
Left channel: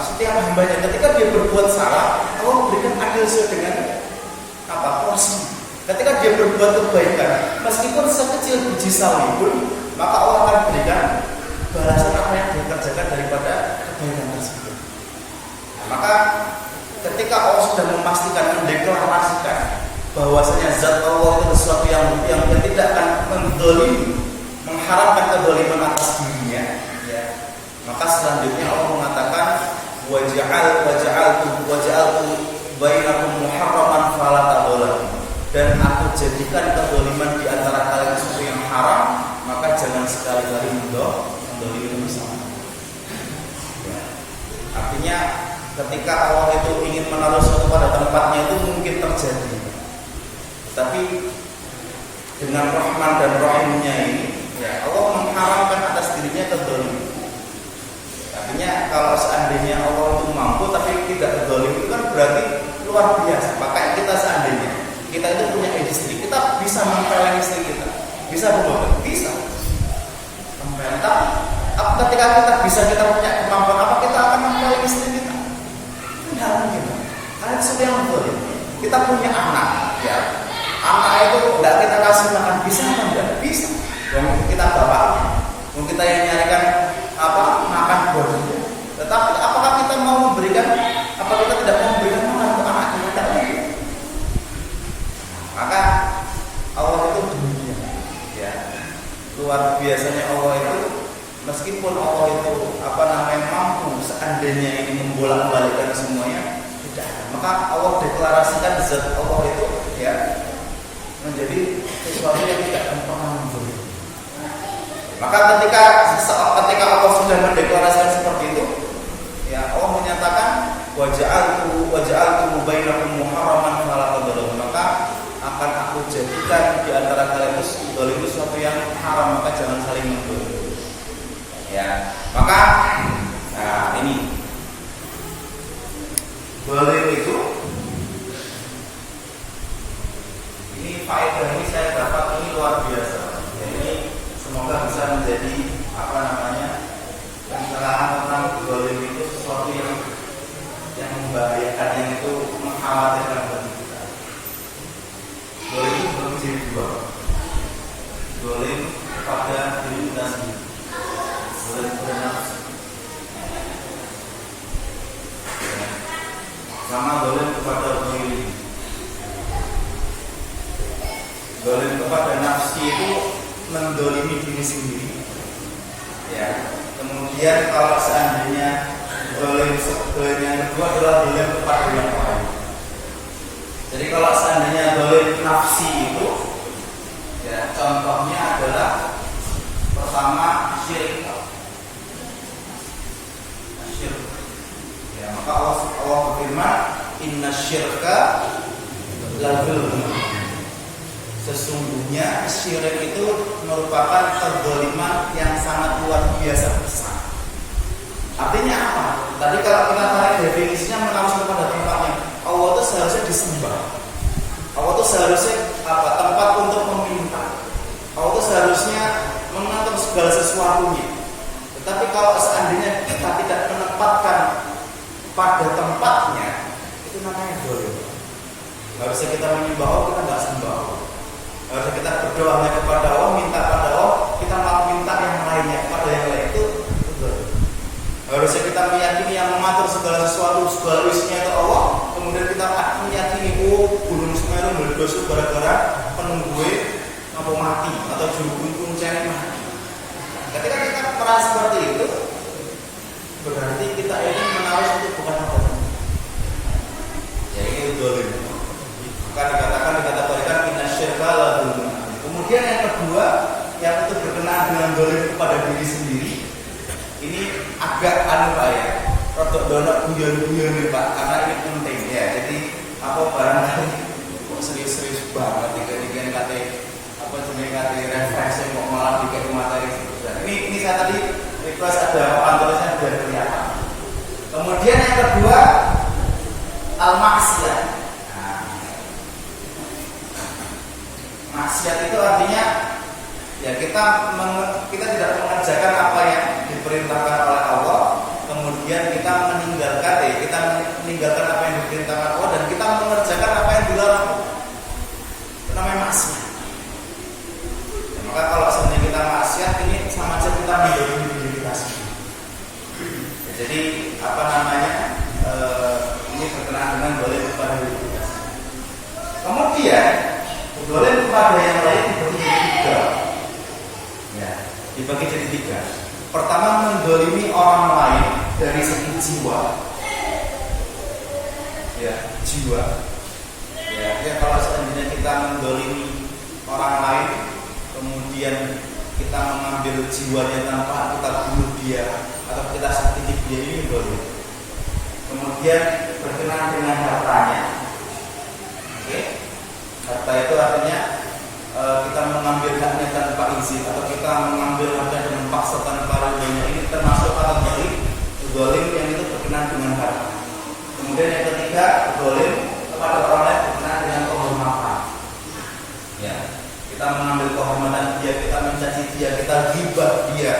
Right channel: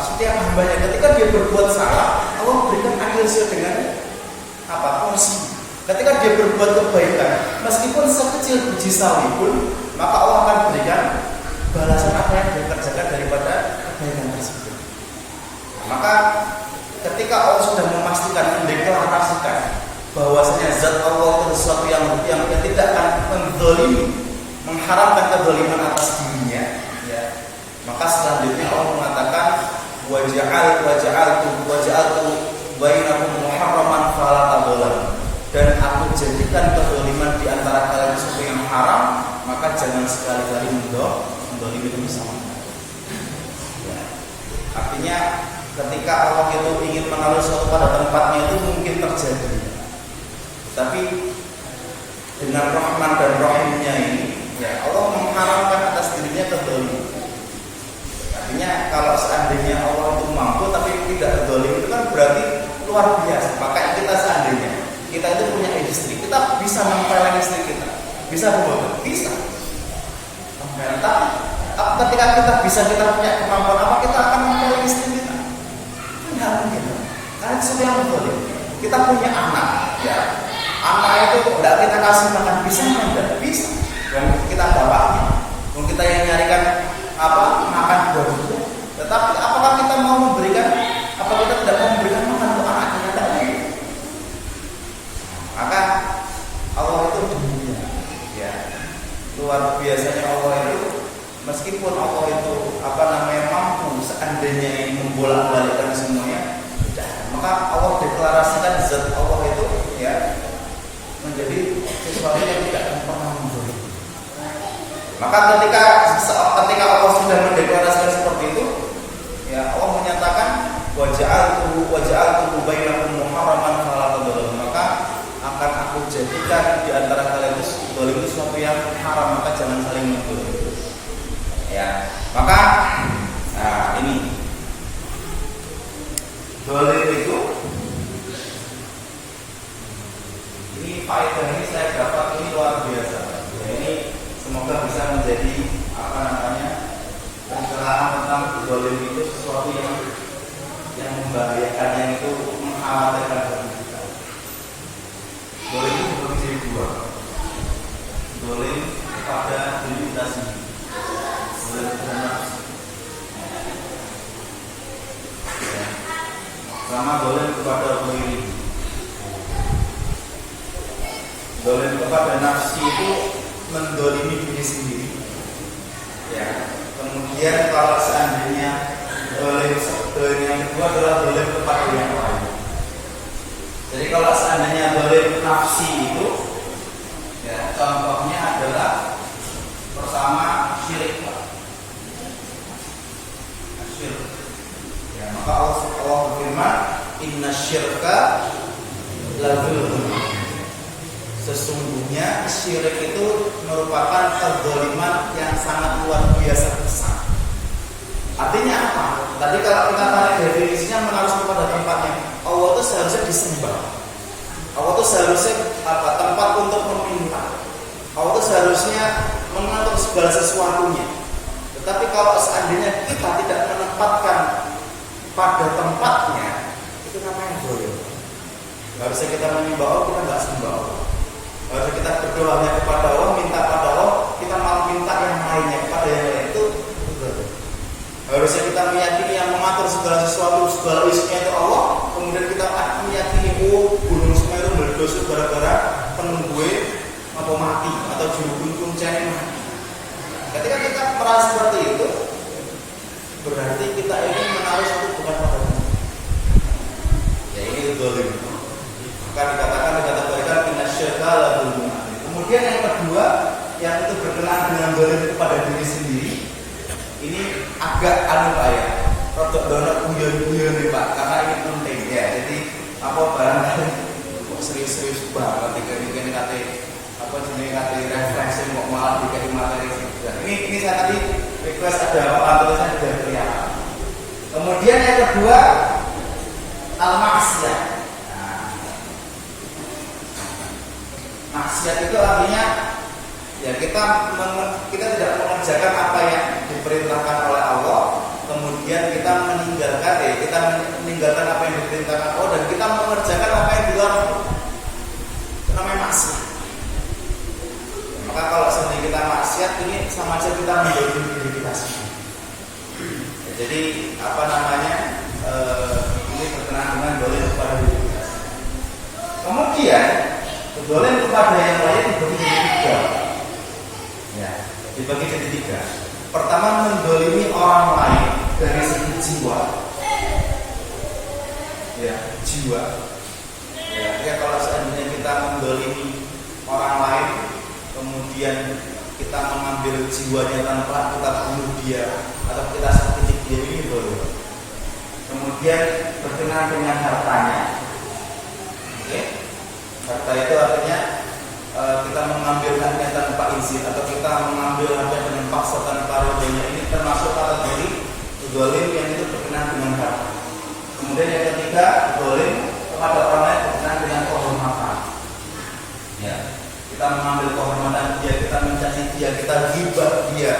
setiap hambanya. Ketika dia berbuat salah, Allah berikan adil sesuai dengan porsi. Ketika dia berbuat kebaikan, meskipun sekecil biji sawi pun, maka Allah akan berikan balasan apa yang dia kerjakan daripada kebaikan tersebut. Maka ketika Allah sudah memastikan, mendeklarasikan bahwasanya zat Allah itu sesuatu yang tidak akan mendolimi, mengharamkan kedoliman atas dirinya, ya, maka selanjutnya Allah mengatakan waja'altu bainakum muharraman fala tadzalamu, dan aku jadikan kedoliman di antara kalian sesuatu yang haram, maka jangan sekali-kali mendolimi bersama. Ya. Artinya ketika Allah itu ingin menaruh sesuatu pada tempatnya itu mungkin terjadi, tapi dengan Rahman dan Rahimnya ini, ya, Allah mengharamkan atas dirinya kedoliman. Artinya kalau seandainya Allah itu mampu tapi tidak zalim, itu kan berarti luar biasa. Maka kita seandainya kita itu punya istri, kita bisa mempeleng istri kita, bisa berbuat, bisa mempeleng. Tapi ketika kita punya kemampuan apa, kita akan mempeleng istri kita? Tidak mungkin. Karena itu sesuatu yang betul ya. Kita punya anak, ya, anak itu tidak kita kasih makan, bisa enggak? Bisa. Dan kita bapaknya, dan kita yang nyarikan makan buat itu. Tetapi apakah kita mau memberikan? Apa kita tidak mau memberikan makan untuk anaknya? Tidak mungkin. Maka Allah itu demikian, ya, luar biasanya Allah itu. Meskipun Allah itu mampu seandainya ini membolak-balikkan semuanya, tidak ada. Maka Allah deklarasikan zat Allah itu, ya, menjadi sesuatu yang tidak akan pernah muncul. Maka ketika Allah sudah mendeklarasikan seperti itu, ya, Allah menyatakan waja'altu bainakum muharraman fala tadzalamu, maka akan aku jadikan di antara kalian itu zalim itu sesuatu yang haram, maka jangan saling menzalimi. Ya, maka ini zalim itu, ini faedah ini saya dapat, ini luar biasa. Ya, ini semoga bisa menjadi pencerahan tentang zalim itu sesuatu yang membahayakan, yang itu mengkhawatirkan bagi kita. Zalim itu berbeda dua. Zalim kepada diri kita sendiri. Zalim kepada nafsu. sama dolim kepada diri. Dolim kepada nafsi itu mendolimi diri sendiri. Ya. Kemudian kalau seandainya dolim yang kedua adalah dolim kepada yang lain. Jadi kalau seandainya dolim nafsi itu, ya contohnya adalah pertama syirik. Ya, maka Allah berfirman, Inna syirka la dzulmun. Sesungguhnya syirik itu merupakan kezaliman yang sangat luar biasa besar. Artinya apa? Tadi kalau kita tarik definisinya mengarah kepada tempatnya. Allah itu seharusnya disembah. Allah itu seharusnya tempat untuk meminta. Allah itu seharusnya mengatur segala sesuatunya. Tetapi kalau seandainya kita tidak menempatkan pada tempatnya, itu namanya dolim. Harusnya kita menyembah Allah, kita nggak sembah Allah. Harusnya kita berdoa hanya kepada Allah, minta pada Allah, kita malah minta yang lainnya kepada yang lain, itu dolim. Harusnya kita meyakini yang mengatur segala sesuatu, segala isinya itu Allah. Kemudian kita meyakini gunung Semeru meledos gara-gara penunggue atau mati atau jurubun kuncanya mati. Ketika kita merasa seperti itu, berarti kita ini menaruh itu bukan apa-apa. Ya ini dolim. Maka dikatakan inna syirka la dzulmun. Kemudian yang kedua, yang itu berkenaan dengan dolim kepada diri sendiri. Ini agak Pak ya, rodok donok guyon-guyon nih Pak, karena ini penting ya. Jadi apa barangkali kok serius-serius banget tiga-tiga kate apa jenis kate referensi kok malah dikai materi. Dan ini saya tadi request ada pantulannya biar kelihatan. Kemudian yang kedua al-maksiyah. Maksiat itu artinya ya kita tidak mengerjakan apa yang diperintahkan oleh Allah, kemudian kita meninggalkan apa yang diperintahkan Allah dan kita mengerjakan apa yang dilarang. Itu namanya maksiat. Ya, maka kalau seandainya kita maksiat, ini sama aja kita menjauhi diri kita sendiri. Ya, jadi ini berkenaan dengan dolim kepada diri kita sendiri. Kemudian dolim kepada yang lain dibagi jadi tiga. Ya, dibagi jadi tiga. Pertama, mendolimi orang lain dari segi jiwa. Ya, jiwa. Ya, kalau seandainya kita mendolimi orang lain, kemudian kita mengambil jiwanya tanpa kita bunuh dia atau kita sakiti dia, ini dolim. Kemudian berkenaan dengan hartanya. Oke. Harta itu artinya kita mengambil haknya tanpa izin atau kita mengambil haknya dengan paksa tanpa ridhonya, ini termasuk kategori zalim yang itu berkenaan dengan harta. Kemudian yang ketiga, zalim kepada orang lain berkenaan dengan kehormatan. Ya, kita mengambil kehormatan dia, kita mencaci dia, kita ghibah dia,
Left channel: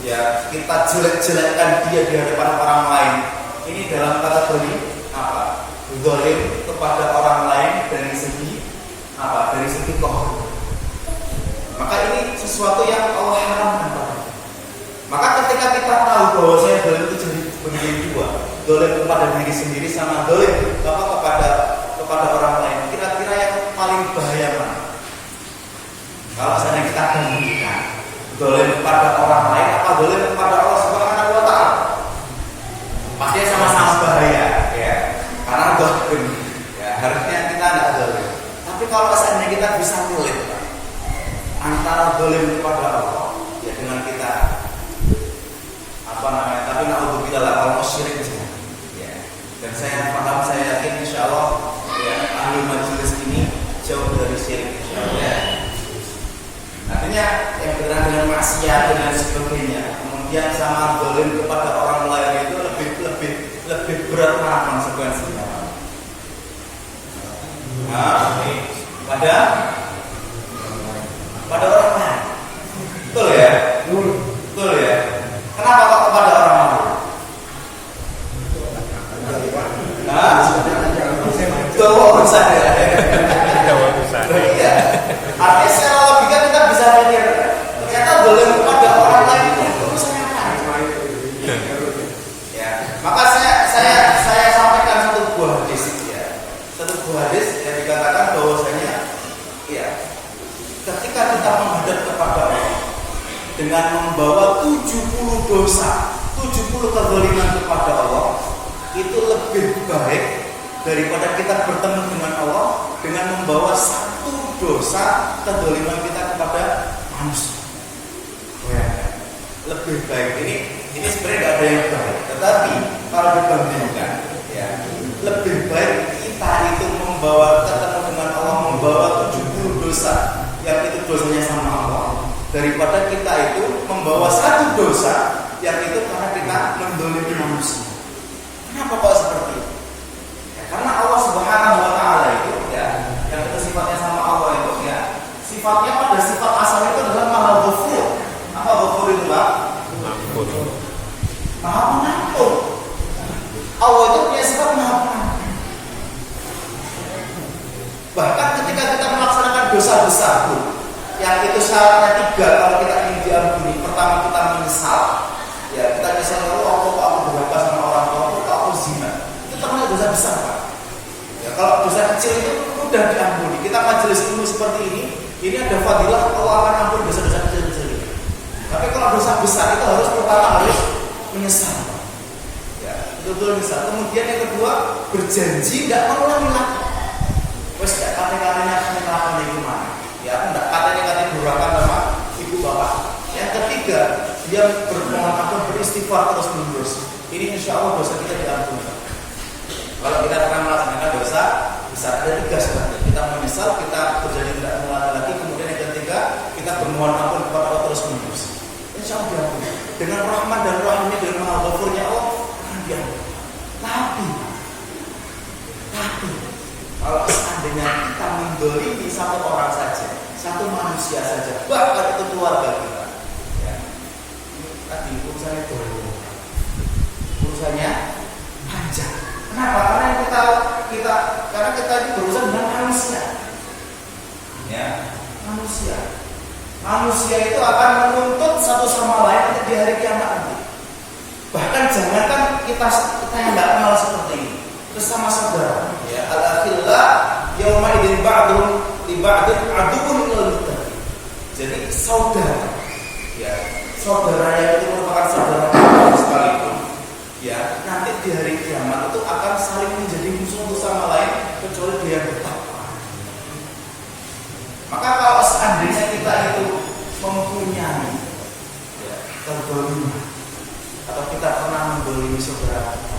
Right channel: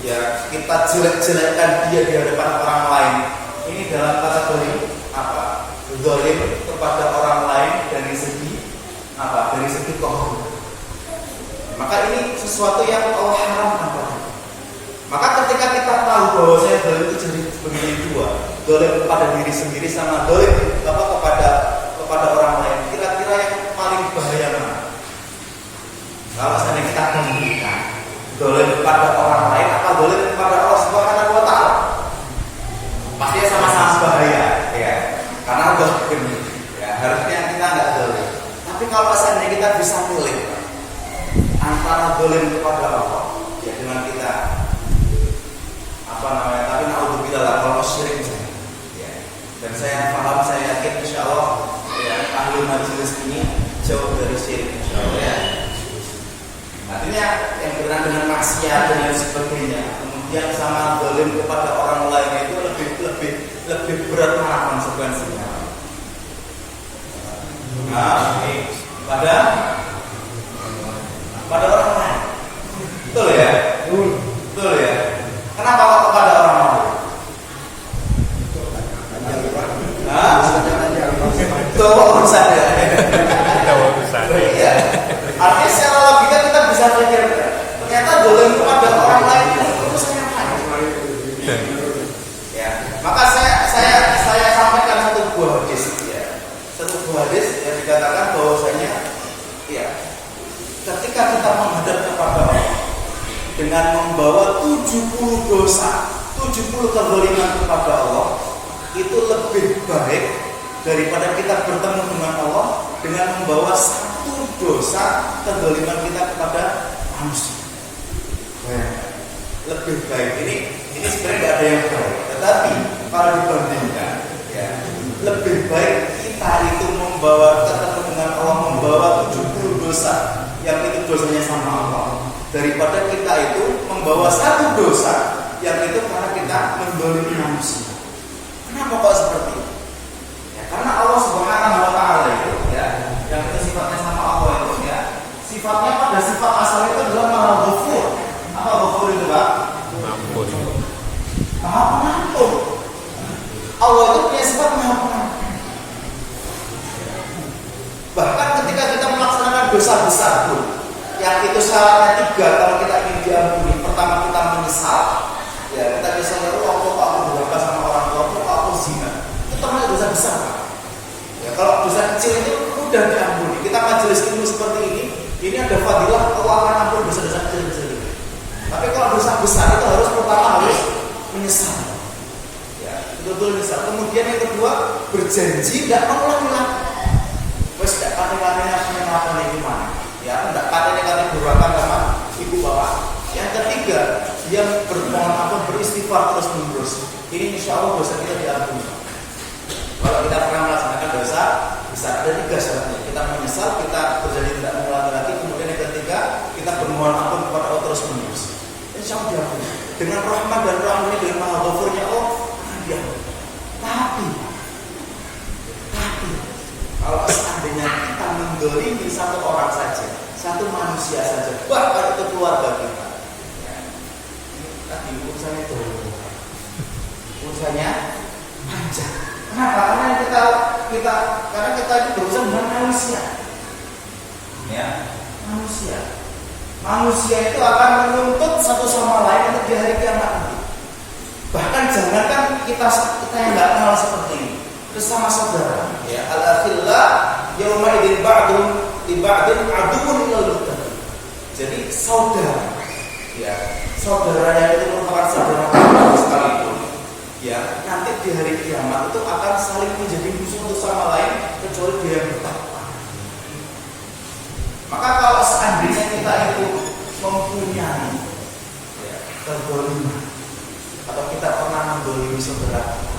ya kita jelek-jelekkan dia di hadapan orang lain. Ini dalam kategori apa? Zalim kepada orang lain dari segi apa? Dari segi kehormatan. Maka ini sesuatu yang Allah haramkan pada. Maka ketika kita tahu bahwa saya zalim itu jadi begini dua, zalim kepada diri sendiri sama zalim kepada orang lain. Kira-kira yang paling bahaya mana? Kalau seandainya kita bandingkan zalim kepada orang lain apa zalim kepada Allah Subhanahu wa taala? Pasti sama-sama bahaya, ya. Karena zalim, ya harusnya kita enggak zalim. Tapi kalau seandainya kita bisa milih antara zalim kepada Allah, ya dengan kita tapi naudzubillah lah kalau syirik misalnya. Ya. Dan saya paham, saya yakin insyaallah ya, ahli majelis ini jauh dari syirik insyaallah. Ya. Artinya yang berkenaan dengan maksiat dan lain sebagainya, kemudian sama zalim kepada orang lain itu lebih berat mana konsekuensinya. Pada orang lain. Betul ya? Betul ya? Kenapa kok kepada orang lain? Itu urusan ya. Iya. Artinya secara logika kita bisa pikir ternyata zalim kepada orang lain ini urusan yang lain. Ya. Maka saya sampaikan satu buah dengan membawa 70 dosa, 70 kezaliman kepada Allah, itu lebih baik daripada kita bertemu dengan Allah dengan membawa satu dosa kezaliman kita kepada manusia. Bayangkan, lebih baik. Ini sebenarnya tidak ada yang baik, tetapi kalau dibandingkan, ya, lebih baik kita itu membawa ketemu dengan Allah, membawa 70 dosa yang itu dosanya sama Allah, daripada kita itu membawa satu dosa yang itu karena kita mendolimi manusia. Kenapa kok seperti itu? Ya, karena Allah Subhanahu wa Ta'ala itu, ya, yang itu sifatnya sama Allah itu, ya, sifatnya pada sifat asal itu adalah Maha Ghafur. Apa Ghafur itu, Pak? Ampun. Maha Pengampun. Allah itu punya sifat Maha Pengampun. Bahkan ketika kita melaksanakan dosa besar pun, yang itu syaratnya 3 kalau kita ingin diampuni. Pertama, kita menyesal. Ya, kita menyesal, oh kok aku durhaka sama orang tua, kok aku zina. Itu termasuk dosa besar, Pak. Ya, kalau dosa kecil itu mudah diampuni. Kita majelis ilmu seperti ini ada fadilah Allah akan ampuni dosa-dosa kecil-kecil ini. Tapi kalau dosa besar itu pertama harus menyesal. Ya, betul-betul menyesal. Kemudian yang kedua, berjanji tidak mengulangi lagi. Wes tidak kata-katanya apa nih gimana? Ya, aku tidak kata-katanya durhaka sama ibu bapak. Yang ketiga, dia bermohon ampun, beristighfar terus-menerus. Ini insya Allah dosa kita diampuni. Kalau kita pernah melaksanakan dosa besar, ada 3 syaratnya. Kita menyesal, kita berjanji tidak mengulangi lagi. Kemudian yang ketiga, kita bermohon ampun kepada Allah terus-menerus. Insya Allah diampuni. Dengan rahmat dan rahimnya, dengan Maha Ghafurnya Allah akan diampuni. Tapi kalau seandainya kita mendolimi satu orang saja, satu manusia saja, bahkan itu keluarga kita, ya, ini tadi urusannya urusannya panjang. Kenapa? Karena kita ini berurusan dengan manusia. Ya, manusia itu akan menuntut satu sama lain untuk di hari kiamat nanti. Bahkan jangankan kita yang nggak kenal seperti ini, bersama saudara, ya, al-akhillah yauma idzin ba'dhum li ba'din aduwwun lil muttaqin. Jadi saudara, ya, saudara yang itu merupakan saudara kita sekalipun, ya, nanti di hari kiamat itu akan saling menjadi musuh untuk sama lain kecuali dia yang bertakwa. Maka kalau seandainya kita itu mempunyai, ya, kezaliman atau kita pernah mendolimi saudara kita,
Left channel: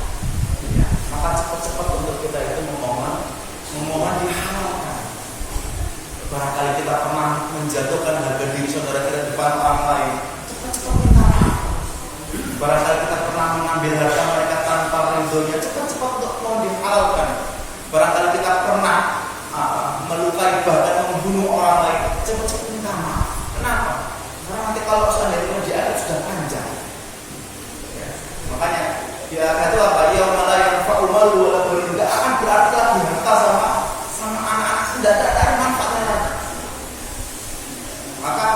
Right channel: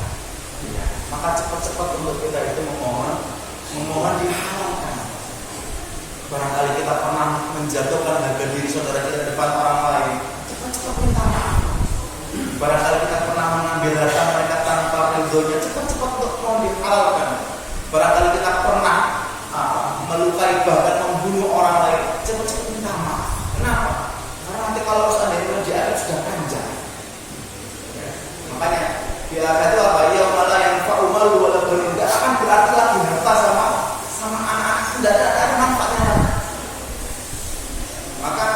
ya, maka cepat-cepat untuk kita itu memohon dihalalkan. Barangkali kita pernah menjatuhkan harga diri saudara kita di depan orang lain, cepat-cepat minta maaf. Barangkali kita pernah mengambil harta mereka tanpa ridhonya, cepat-cepat untuk mohon dihalalkan. Barangkali kita pernah melukai bahkan membunuh orang lain, cepat-cepat minta maaf. Kenapa? Karena nanti kalau seandainya di akhir sudah panjang, ya, makanya di akhir itu apa? Yauma la yanfa'u malu wala banun. Tidak akan berarti lagi harta sama anak-anak, tidak ada manfaatnya lagi. Maka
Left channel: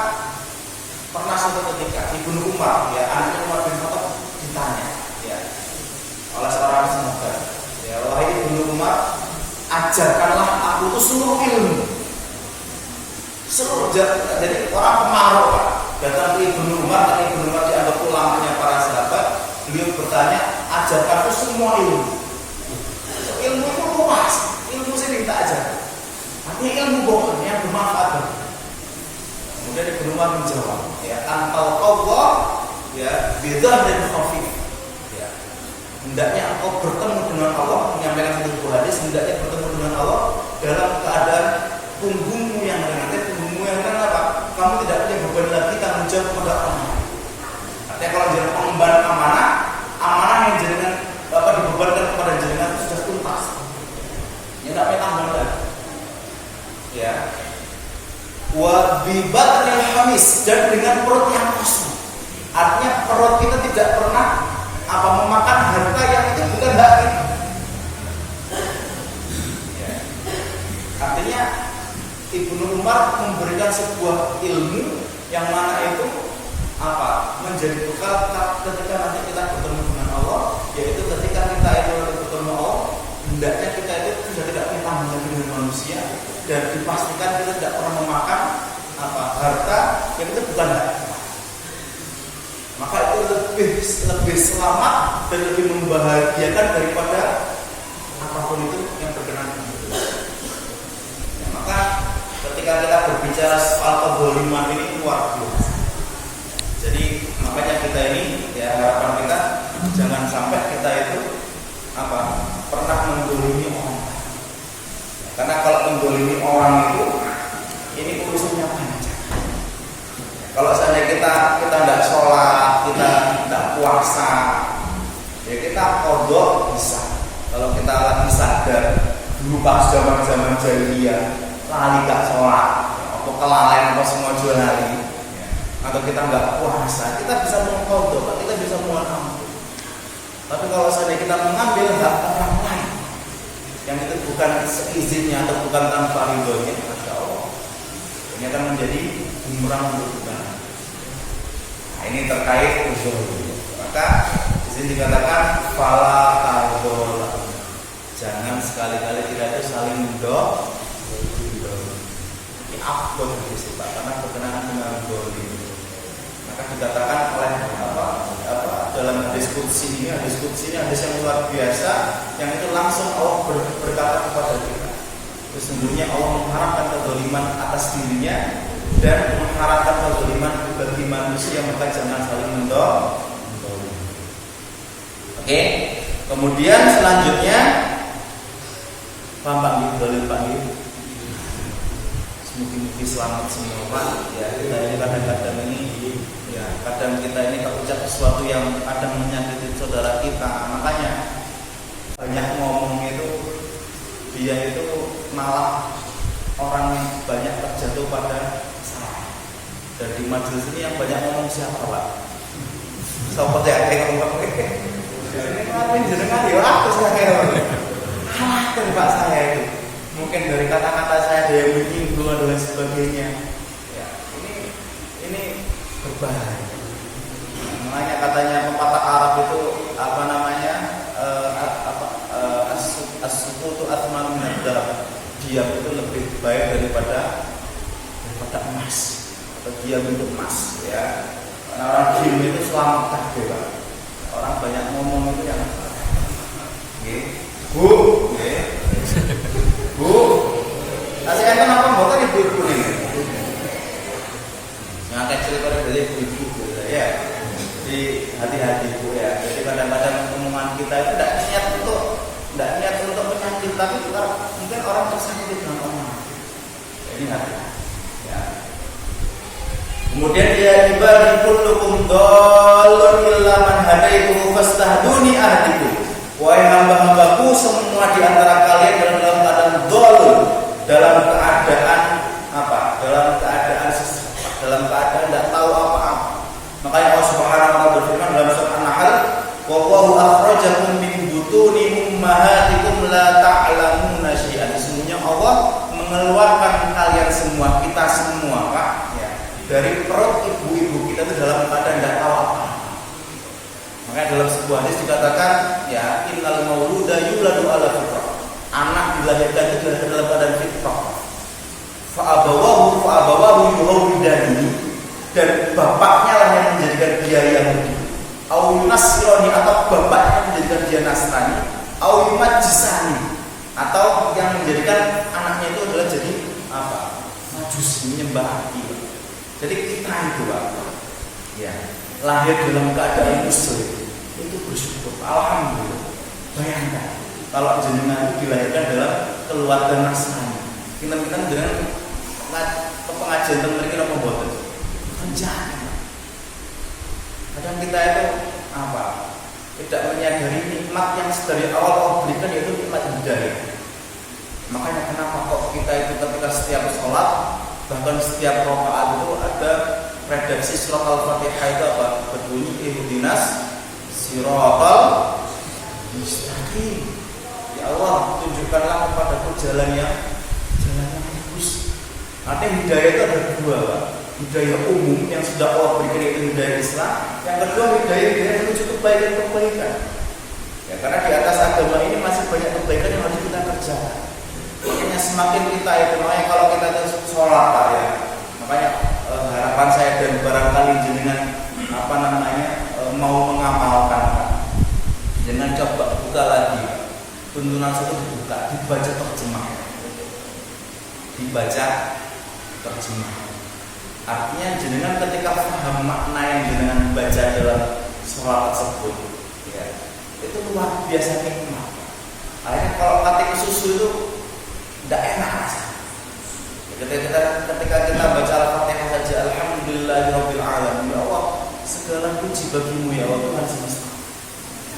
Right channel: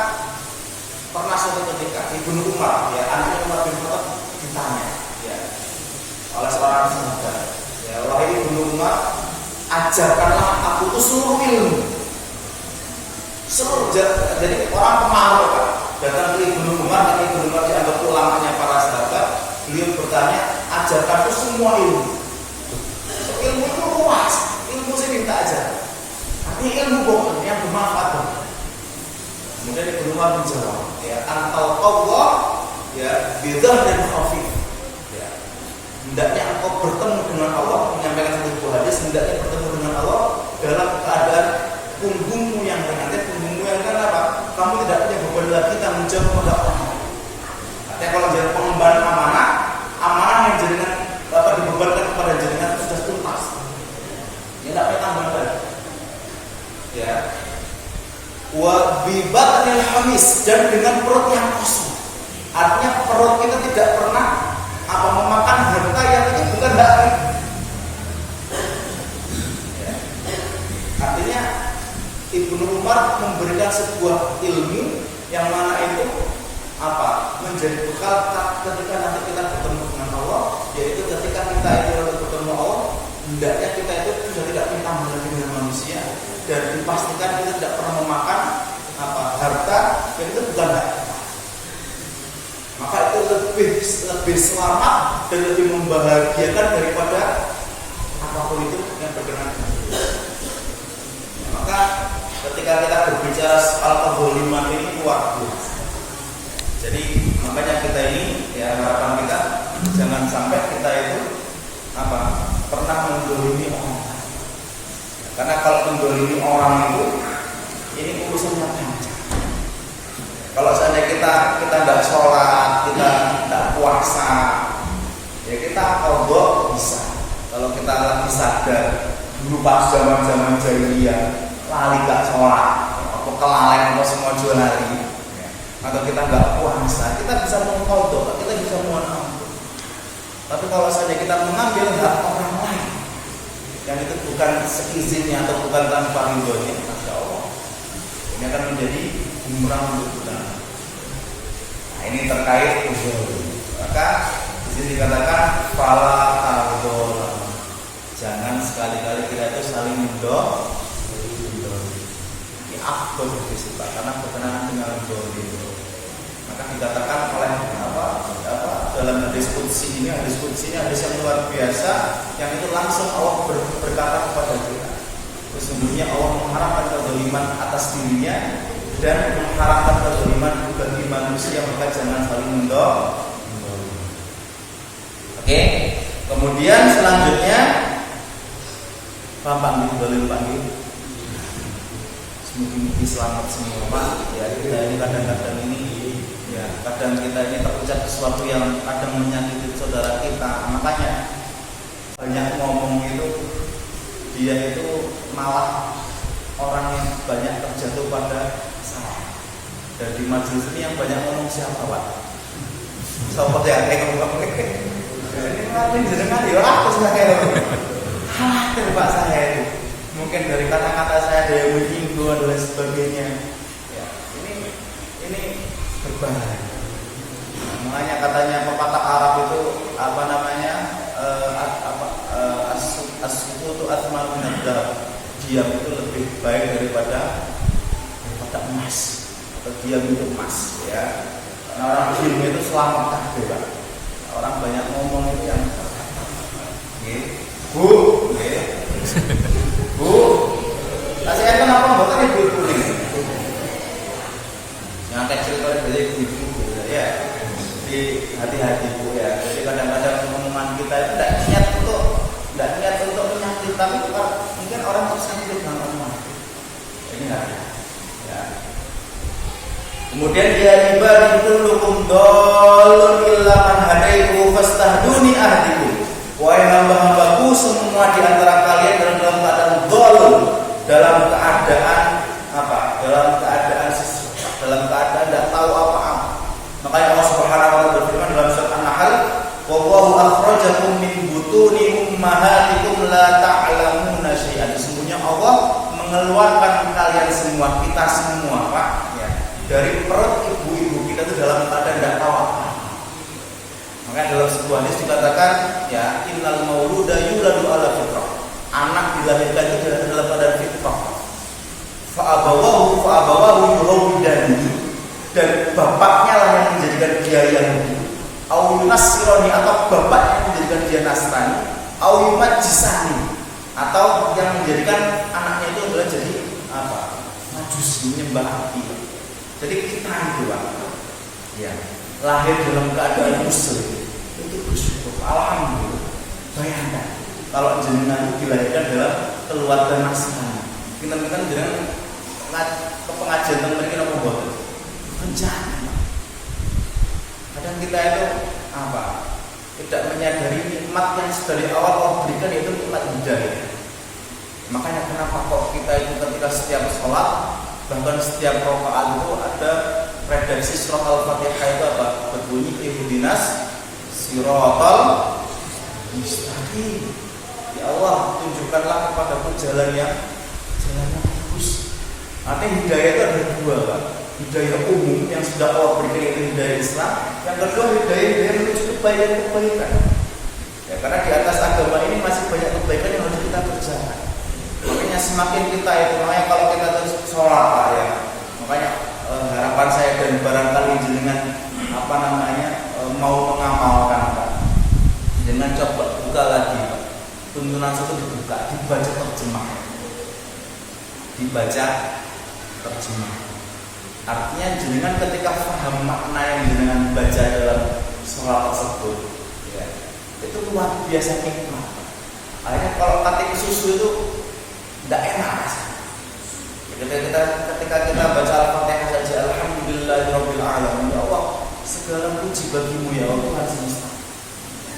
pernah suatu ketika Ibnu Umar, ya, anaknya Umar bin Khattab ditanya, ya, oleh seorang sahabat, ya, wahai Ibnu Umar, ajarkanlah aku itu seluruh ilmu. Jadi orang pemarah, Pak, datang ke Ibnu Umar, karena Ibnu Umar dianggap ulamanya para sahabat. Beliau bertanya, ajarkan itu semua ilmu. So, ilmu itu luas, ilmu saya minta ajar. Artinya ilmu bohong yang bermanfaat banget. Kemudian Ibnu Umar menjawab, ya, antal Allah, ya, bidah dan khafif. Ya, hendaknya engkau bertemu dengan Allah, menyampaikan sebuah hadis, hendaknya bertemu dengan Allah dalam keadaan punggungmu yang ringan. Punggungmu yang ringan apa? Kamu tidak punya beban lagi tanggung jawab kepada orang lain. Artinya kalau jadi pengemban amanah yang jaringan dapat dibebankan kepada jaringan itu sudah tuntas. Ya, tidak punya tambahan lagi. Ya. Wa bibatnil hamis, dan dengan perut yang kosong. Artinya perut kita tidak pernah memakan harta yang itu bukan hak kita. Ya. Artinya Ibnu Umar memberikan sebuah ilmu yang mana itu menjadi bekal ketika nanti kita bertemu dengan Allah, yaitu ketika kita itu bertemu Allah, hendaknya kita itu sudah tidak punya tambahan lagi dengan manusia, dan dipastikan kita tidak pernah memakan harta yang itu bukan hak kita. lebih selamat dan lebih membahagiakan daripada apapun itu yang berkenan. Maka ketika kita berbicara soal kezaliman ini luar biasa. Jadi makanya kita ini ya harapan kita jangan sampai kita itu pernah menzalimi orang. Karena kalau menzalimi orang itu ini urusannya panjang. Kalau seandainya kita tidak sholat, kita tidak puasa, ya kita qadha bisa. Kalau kita lagi sadar dulu pas zaman jahiliyah lali gak sholat, atau kelalen atau semua jual lali, atau kita nggak puasa, kita bisa mengqadha, kita bisa mohon ampun. Tapi kalau seandainya kita mengambil hak orang lain yang itu bukan seizinnya atau bukan tanpa ridhonya, masya Allah, ini akan menjadi bumerang untuk kita. Nah, ini terkait usul. Maka di sini dikatakan fala tadzalam. Jangan sekali-kali kita itu saling mendol. Ini afdol hadis Pak, karena berkenaan dengan dolim. Maka dikatakan oleh dalam hadis qudsi ini hadis yang luar biasa, yang itu langsung Allah berkata kepada kita. Sesungguhnya Allah mengharamkan kezaliman atas dirinya dan mengharamkan kezaliman bagi manusia, maka jangan saling mendol. Oke. Kemudian selanjutnya Pak dolim Pak gitu. Mungkin selamat semua Pak. Ya kita ini kadang-kadang ini ya kadang kita ini terucap sesuatu yang kadang menyakiti saudara kita. Makanya banyak ngomong itu dia itu malah orang yang banyak terjatuh pada salah. Dan di majelis ini yang banyak ngomong siapa Pak? Siapa sih yang ngomong? Ini ngapain jenengan ya aku sih yang ngomong. Khawatir Pak saya itu. Mungkin dari kata-kata saya ada yang menyinggung dan lain sebagainya. Ya, ini berbahaya. Nah, makanya katanya pepatah Arab itu as-sukutu athman min ad-dhahab. Diam itu lebih baik daripada emas atau diam itu emas, ya. Karena orang diam itu selamat kabeh, Pak. Orang banyak ngomong itu yang nggih. Bu, nggih. Bu, kasih enten apa mboten ibu-ibu nih? Ngantek cerita dari ibu ya. Jadi hati-hati Bu ya. Jadi kadang-kadang omongan kita itu tidak niat untuk menyakiti, tapi mungkin orang tersakiti dengan omongan. Ini hati. Ya. Kemudian ya ibadi kullukum dallun illa man hadaitu fastahduni ahdikum. Wahai hamba-hambaku, semua di antara kalian dalam keadaan dhalun, dalam keadaan apa? Dalam keadaan sesat, dalam keadaan tidak tahu apa-apa. Makanya Allah Subhanahu wa taala berfirman dalam surat An-Nahl, "Wallahu akhrajakum min butuni ummahatikum la ta'lamuna syai'an." Sesungguhnya Allah mengeluarkan kalian semua, kita semua, Pak, ya, dari perut ibu-ibu kita itu dalam keadaan tidak tahu apa-apa. Maka dalam sebuah hadis dikatakan, ya, innal mauluda yuladu ala fitrah. Anak dilahirkan itu dalam keadaan fitrah. Fa abawahu yuhawidani, dan bapaknya lah yang menjadikan dia Yahudi. Au yunasironi, atau bapaknya yang menjadikan dia Nasrani. Au yumajisani, atau yang menjadikan anaknya itu adalah jadi apa? Majusi, menyembah api. Jadi kita itu, Pak, ya, lahir dalam keadaan muslim itu bersyukur, alhamdulillah. Bayangkan kalau jenengan itu dilahirkan dalam keluarga Nasrani, kita jenengan pengajian tentang mereka apa mboten? Jangan. Kadang kita itu apa? Tidak menyadari nikmat yang dari awal Allah berikan, yaitu nikmat hidayah. Makanya kenapa kok kita itu ketika setiap sholat, bahkan setiap rakaat itu ada redaksi surah Al-Fatihah itu apa? Berbunyi ihdinas siratal mustaqim. Ya Allah, tunjukkanlah kepadaku jalan yang lurus. Artinya hidayah itu ada dua, Pak. Hidayah umum yang sudah Allah berikan, yaitu hidayah Islam. Yang kedua hidayah menuju kebaikan. Ya, karena di atas agama ini masih banyak kebaikan yang harus kita kerjakan. Makanya semakin kita itu, makanya kalau kita terus sholat, Pak, ya. Makanya harapan saya dan barangkali jenengan mau mengamalkan Pak, jangan coba buka lagi Pak. Tuntunan satu dibuka, dibaca terjemah. Dibaca terjemah. Artinya jenengan ketika paham makna yang jenengan baca dalam sholat tersebut, ya, itu luar biasa nikmat. Akhirnya kalau ketik susu itu tidak enak rasanya. Ketika kita baca Al-Fatihah saja, Alhamdulillahirabbil alamin, ya Allah, segala puji bagimu ya Allah Tuhan semesta.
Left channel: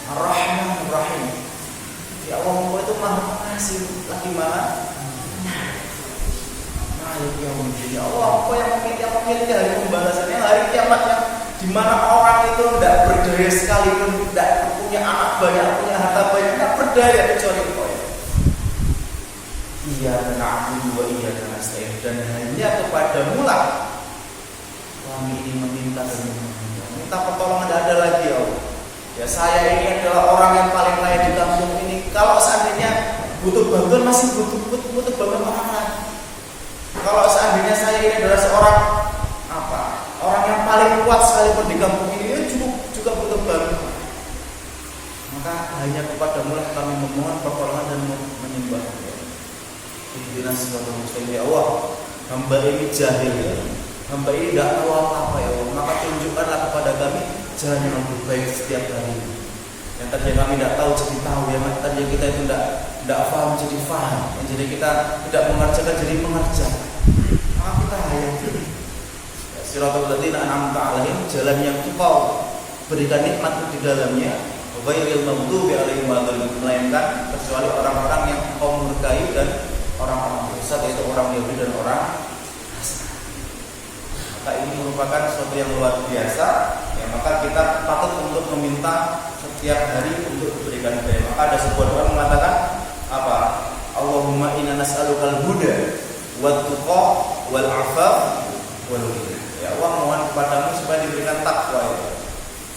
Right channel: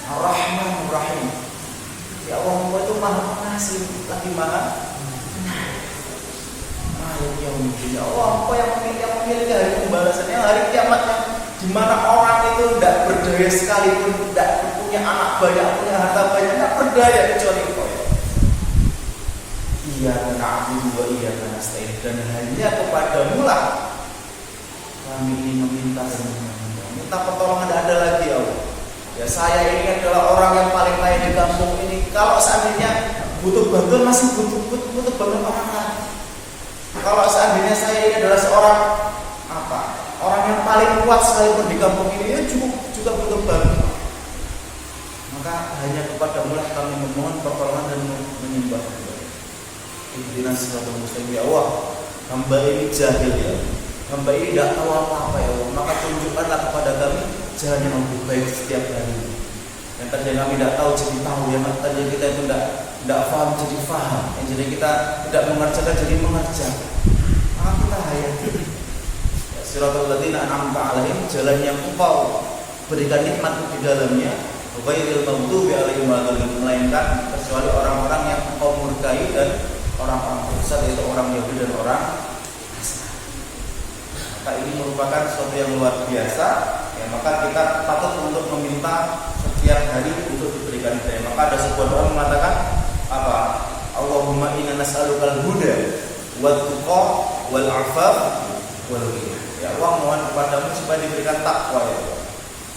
Ar-Rahmanur Rahim. Ya Allah, Engkau itu Maha Pengasih lagi Maha Penyayang. Malik yaumiddin. Ya Allah, Engkau yang memiliki hari pembalasan, yang hari kiamat, yang di mana orang itu tidak berdaya sekalipun, tidak punya anak banyak, punya harta banyak, tidak berdaya kecuali Engkau ya. Iyyaka na'budu wa iyyaka nasta'in, dan hanya kepadamu lah kami ini meminta dan memohon. Minta pertolongan tidak ada lagi ya Allah. Ya saya ini adalah orang yang paling kaya di kampung ini. Kalau seandainya butuh bantuan masih butuh bantuan orang lain. Kalau seandainya saya ini adalah seorang orang yang paling kuat sekalipun di kampung ini, ya cukup juga butuh bantuan. Maka hanya kepadamu lah kami memohon pertolongan dan menyembah. Ihdinas siratal mustaqim ya Allah. Hamba ini jahil ya Allah. Hamba ini tidak tahu apa-apa ya Allah. Maka tunjukkanlah kepada kami jalan yang lebih baik setiap hari. Yang tadi kami tidak tahu jadi tahu, yang tadi kita itu tidak paham jadi paham, yang jadi kita tidak mengerjakan jadi mengerjakan. Maka kita hayati ya, siratal ladzina an'amta 'alaihim, jalan yang Engkau berikan nikmat di dalamnya, ghairil maghdubi 'alaihim waladdallin, melainkan kecuali orang-orang yang Engkau murkai dan orang-orang sesat, yaitu orang Yahudi dan orang Nasrani. Maka ini merupakan sesuatu yang luar biasa. Ya, maka kita patut untuk meminta setiap hari untuk diberikan hidayah. Maka ada sebuah doa mengatakan apa? Allahumma inna nas'alukal huda wat tuqa wal afaf wal ghina. Ya Allah, mohon kepadamu supaya diberikan takwa ya.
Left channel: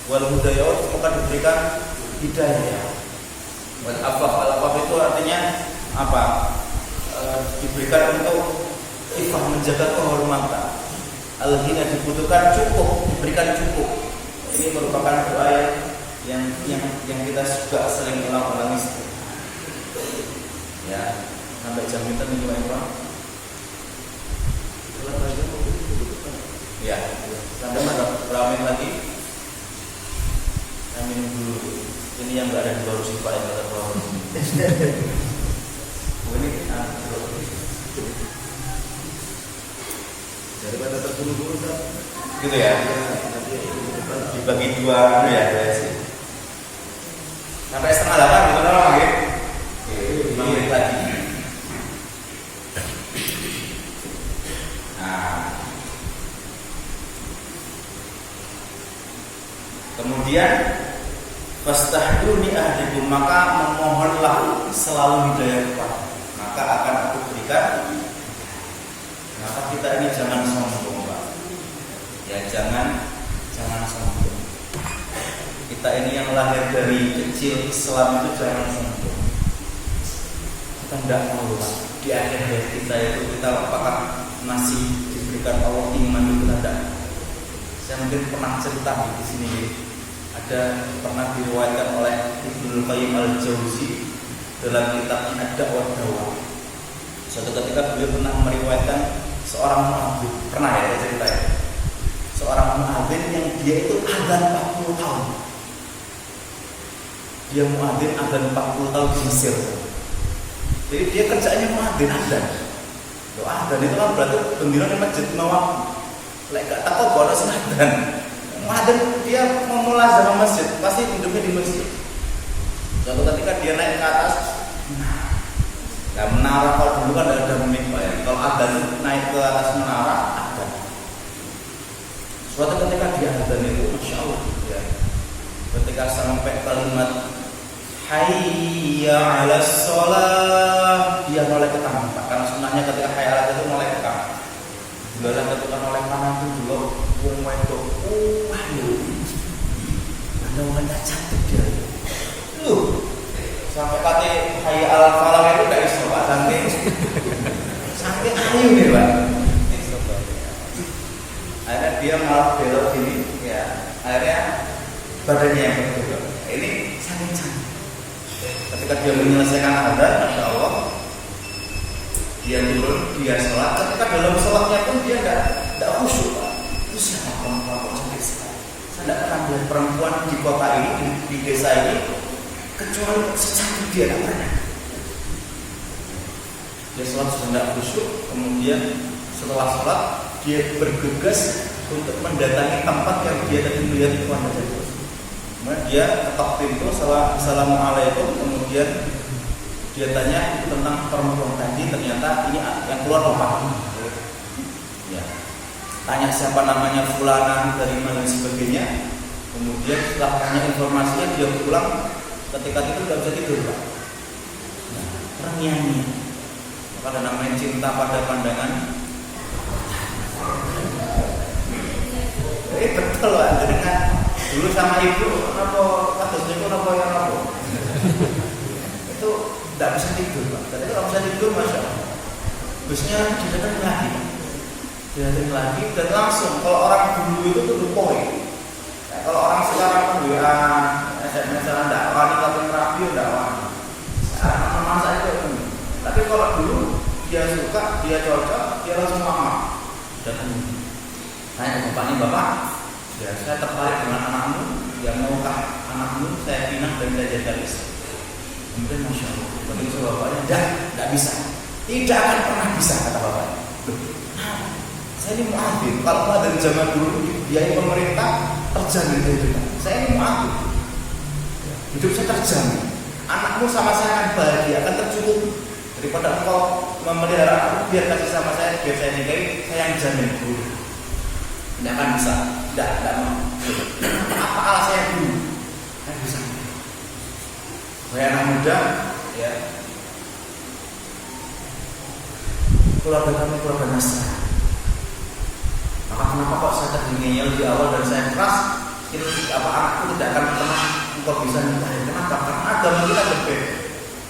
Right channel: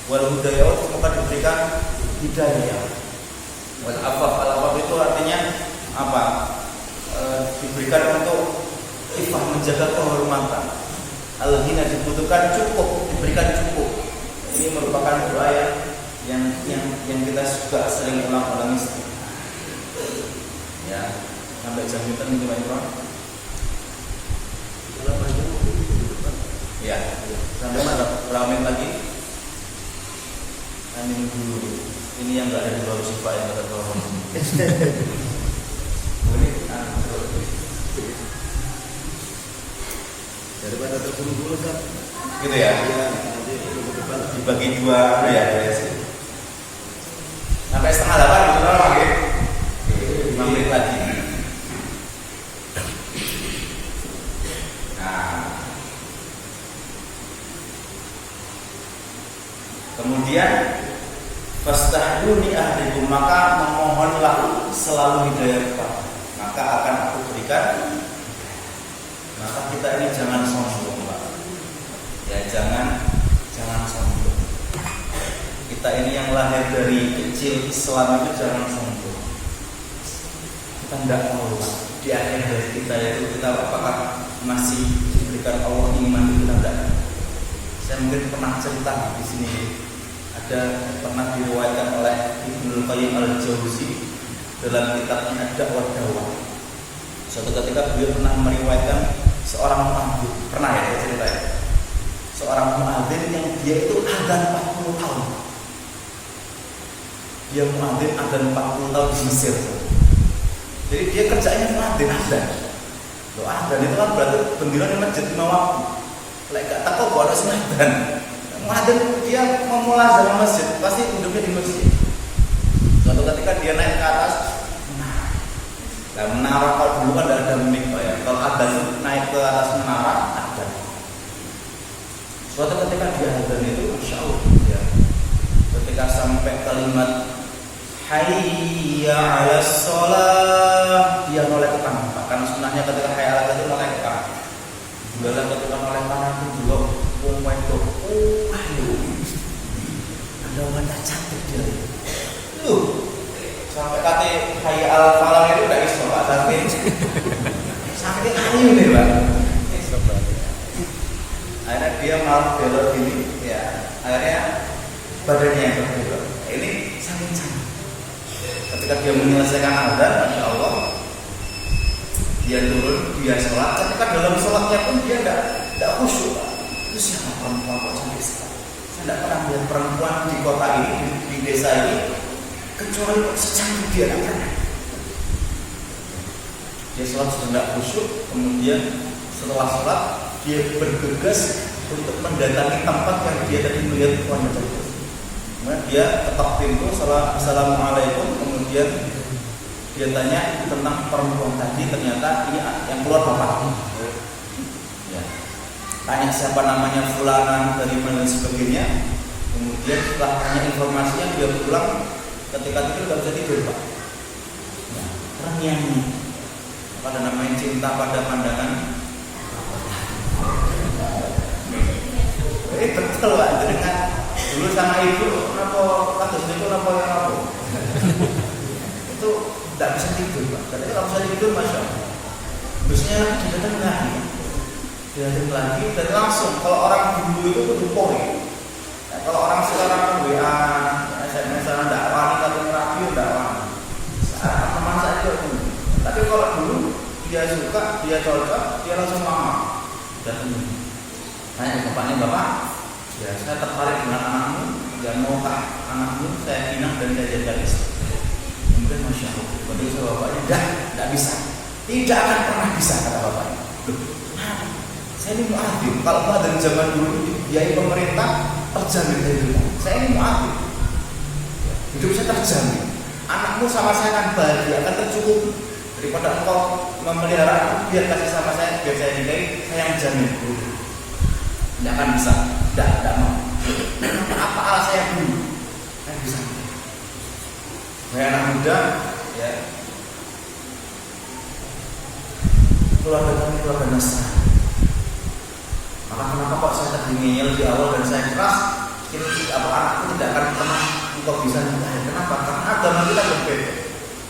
Wal huda ya Allah, semoga diberikan hidayah ya. Wal afaf, al afaf itu artinya apa? Diberikan untuk ifah, menjaga kehormatan. Al-ghina dibutuhkan cukup, diberikan cukup. Ini merupakan doa yang kita juga sering ulang-ulangi. Ya, sampai jam kita nih Pak Imran. Ya, sampai berapa menit lagi? Saya minum dulu. Ini yang nggak ada di baru sifat yang kata turun. Ini gitu ya, dibagi dua ya guys. Sampai 7:30 betul nggak gitu? 5 menit lagi. Nah, kemudian fastahduni ahdikum, maka memohonlah selalu hidayah kepada, maka akan aku berikan. Maka kita ini jangan sombong Pak. Ya jangan sombong. Kita ini yang lahir dari kecil Islam itu jangan sombong. Kita tidak tahu Pak, di akhir hayat kita itu kita apakah masih diberikan Allah iman itu kita tidak. Saya mungkin pernah cerita di sini. Ada pernah diriwayatkan oleh Ibnu Qayyim al-Jauzi dalam kitabnya Ad-Da'wah Dawah. Suatu ketika beliau pernah meriwayatkan seorang muadzin, pernah ya saya ceritain. Seorang muadzin yang dia itu adzan 40 tahun. Dia muadzin adzan 40 tahun di Mesir. Jadi dia kerjanya muadzin adzan. Doa adzan itu kan berarti bendera di masjid 5 waktu. Lek gak takut kalau sing adzan. Muadzin dia memulazamah masjid, pasti hidupnya di masjid. Suatu ketika dia naik ke atas, nah menara kalau dulu kan tidak ada mic Pak ya. Kalau adzan naik ke atas menara adzan. Suatu ketika dia adzan itu, masya Allah ya. Ketika sampai kalimat Hayya 'alas shalah, dia noleh ke kanan Pak. Karena sunahnya ketika hayya 'alas itu noleh ke kanan. Bulan ketika noleh kanan itu dulu wong wedok. Aduh. Ada wanita cantik dia. Sampai kata hayya 'alal falah itu enggak iso Pak, saking ayu nih Pak. Akhirnya dia malah belok gini ya. Akhirnya badannya yang berbeda. Ini saking canggih. Ketika dia menyelesaikan azan, masya Allah, dia turun, dia sholat. Ketika dalam sholatnya pun dia tidak khusyuk. Itu siapa perempuan kok cantik sekali? Saya tidak pernah melihat perempuan di kota ini, di desa ini, kecuali secantik dia, tidak pernah. Dia sholat sudah tidak khusyuk, kemudian setelah sholat dia bergegas untuk mendatangi tempat yang dia tadi melihat wanita itu. Kemudian dia ketok pintu, assalamualaikum, kemudian dia tanya tentang perempuan tadi, ternyata ini yang keluar bapak. Ya. Tanya siapa namanya, fulana, dari mana dan sebagainya. Kemudian setelah tanya informasinya dia pulang, ketika tidur tidak bisa tidur pak. Nah, terngiang-ngiang. Maka ada namanya cinta pada pandangan. Betul pak, dengan dulu sama ibu, kenapa kados niku napa ya napa? Itu tidak bisa tidur pak. Tadi kalau bisa tidur, masya Allah. Busnya didatang lagi, dan langsung. Kalau orang dulu itu tuh poin. Nah, kalau orang sekarang WA, SMS, tidak wani, tapi radio tidak wani. Sekarang teman saya itu. Tapi kalau dulu dia suka, dia cocok, dia langsung mama datang. Tanya bapaknya, bapak, ya saya tertarik dengan anakmu, ya maukah anakmu saya pinang dan saya jaga istri. Kemudian masya Allah, berarti kata bapaknya, tidak bisa, tidak akan pernah bisa, kata bapaknya. Kenapa? Saya ini muadzin. Kalau muadzin zaman dulu dibiayai pemerintah, terjamin kehidupan. Saya ini muadzin, hidup saya terjamin. Anakmu sama saya akan bahagia, akan tercukupi. Daripada engkau memelihara aku, biar kasih sama saya, biar saya nikahi, saya yang jamin dulu. Tidak akan bisa, tidak mau. Apa ala saya dulu? Saya bisa. Saya anak muda, ya. Keluarga kami keluarga Nasrani. Maka kenapa kok saya tadi ngeyel di awal dan saya keras? Anakku tidak akan pernah engkau bisa nikahi. Kenapa? Karena agama kita berbeda.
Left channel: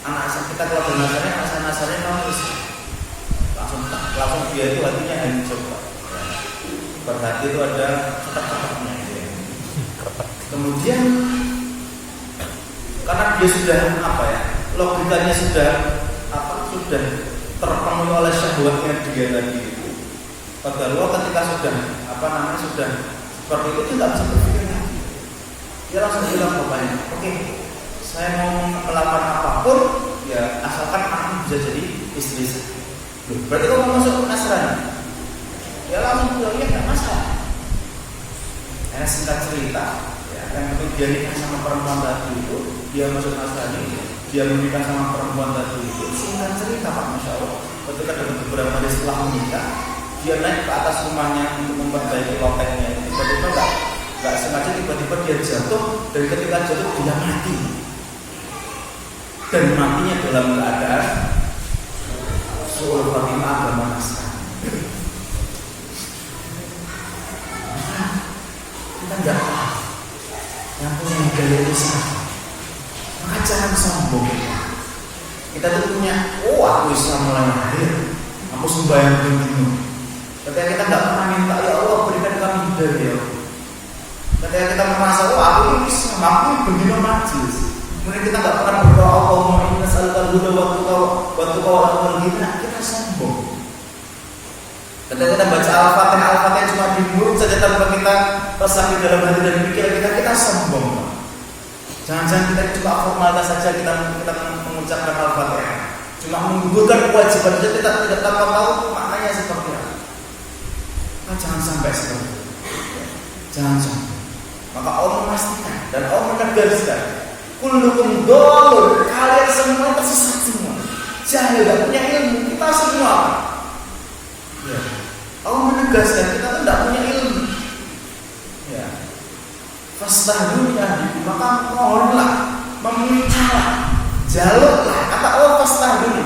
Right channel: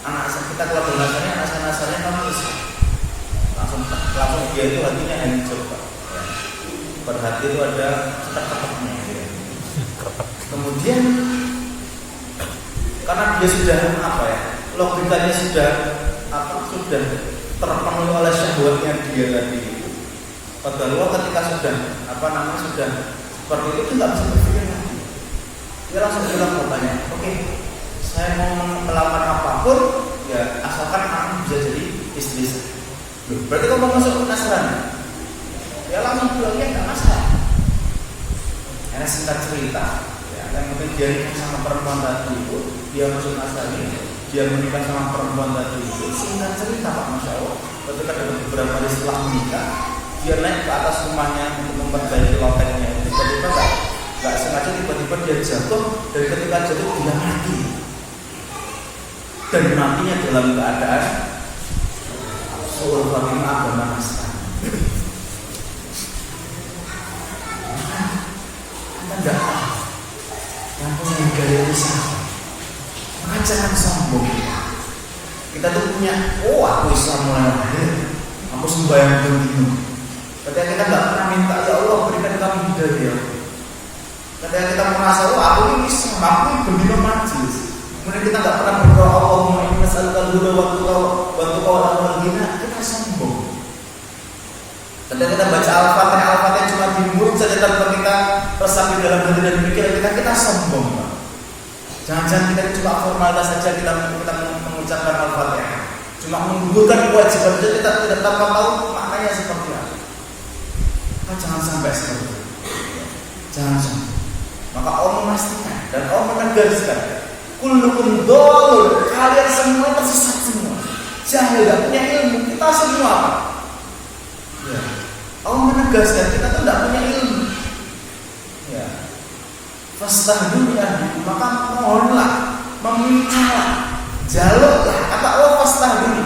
Anak kita keluarga Nasrani, anak saya Nasrani, kamu Islam. Langsung dia itu hatinya hancur pak. Berhati itu ada ketek-keteknya gitu ya. Kemudian karena dia sudah logikanya sudah terpenuhi oleh syahwatnya dia tadi itu. Padahal ketika sudah sudah seperti itu dia tidak bisa berpikir lagi. Dia langsung bilang bapaknya, oke, saya mau melakukan apapun ya asalkan anaknya bisa jadi istri saya. Berarti kamu masuk Nasrani? Dia langsung bilang, ya tidak masalah. Karena singkat cerita, ya, yang penting dia nikah sama perempuan tadi itu, dia masuk Nasrani, dia menikah sama perempuan tadi itu. Singkat cerita pak, masya Allah. Ketika dapat beberapa hari setelah menikah, dia naik ke atas rumahnya untuk memperbaiki lotengnya. Tiba-tiba nggak sengaja tiba-tiba dia jatuh, dan ketika jatuh dia mati. Dan matinya dalam keadaan suul Fatimah agama Nasrani. Kita nggak tahu yang punya hidayah itu siapa. Maka jangan sombong. Kita tuh punya, aku Islam mulai lahir, aku sembahyang begini. Ketika kita nggak pernah minta, ya Allah berikan kami hidayah. Ketika kita merasa, aku ini Islam, aku ini bendino majlis. Kemudian kita nggak pernah berdoa, Allahumma inna nas'alukal huda wa tuqa wal amal ghina, kita sombong. Ketika kita baca Al-Fatihah cuma di mulut saja tanpa kita resapi dalam hati dan pikiran kita sombong. Jangan-jangan kita cuma formalitas saja kita mengucapkan Al-Fatihah, cuma menggugurkan kewajiban saja kita tidak tanpa tahu maknanya seperti apa. Jangan sampai seperti itu. Jangan sampai. Maka Allah memastikan dan Allah menegaskan, kullukum dhalun, kalian semua tersesat semua. Jahil, tidak punya ilmu, kita semua apa? Ya. Allah menegaskan kita tuh tidak punya ilmu. Ya. Fastahduni ahdikum, maka mohonlah, memintalah, jaluklah. Kata Allah fastahduni,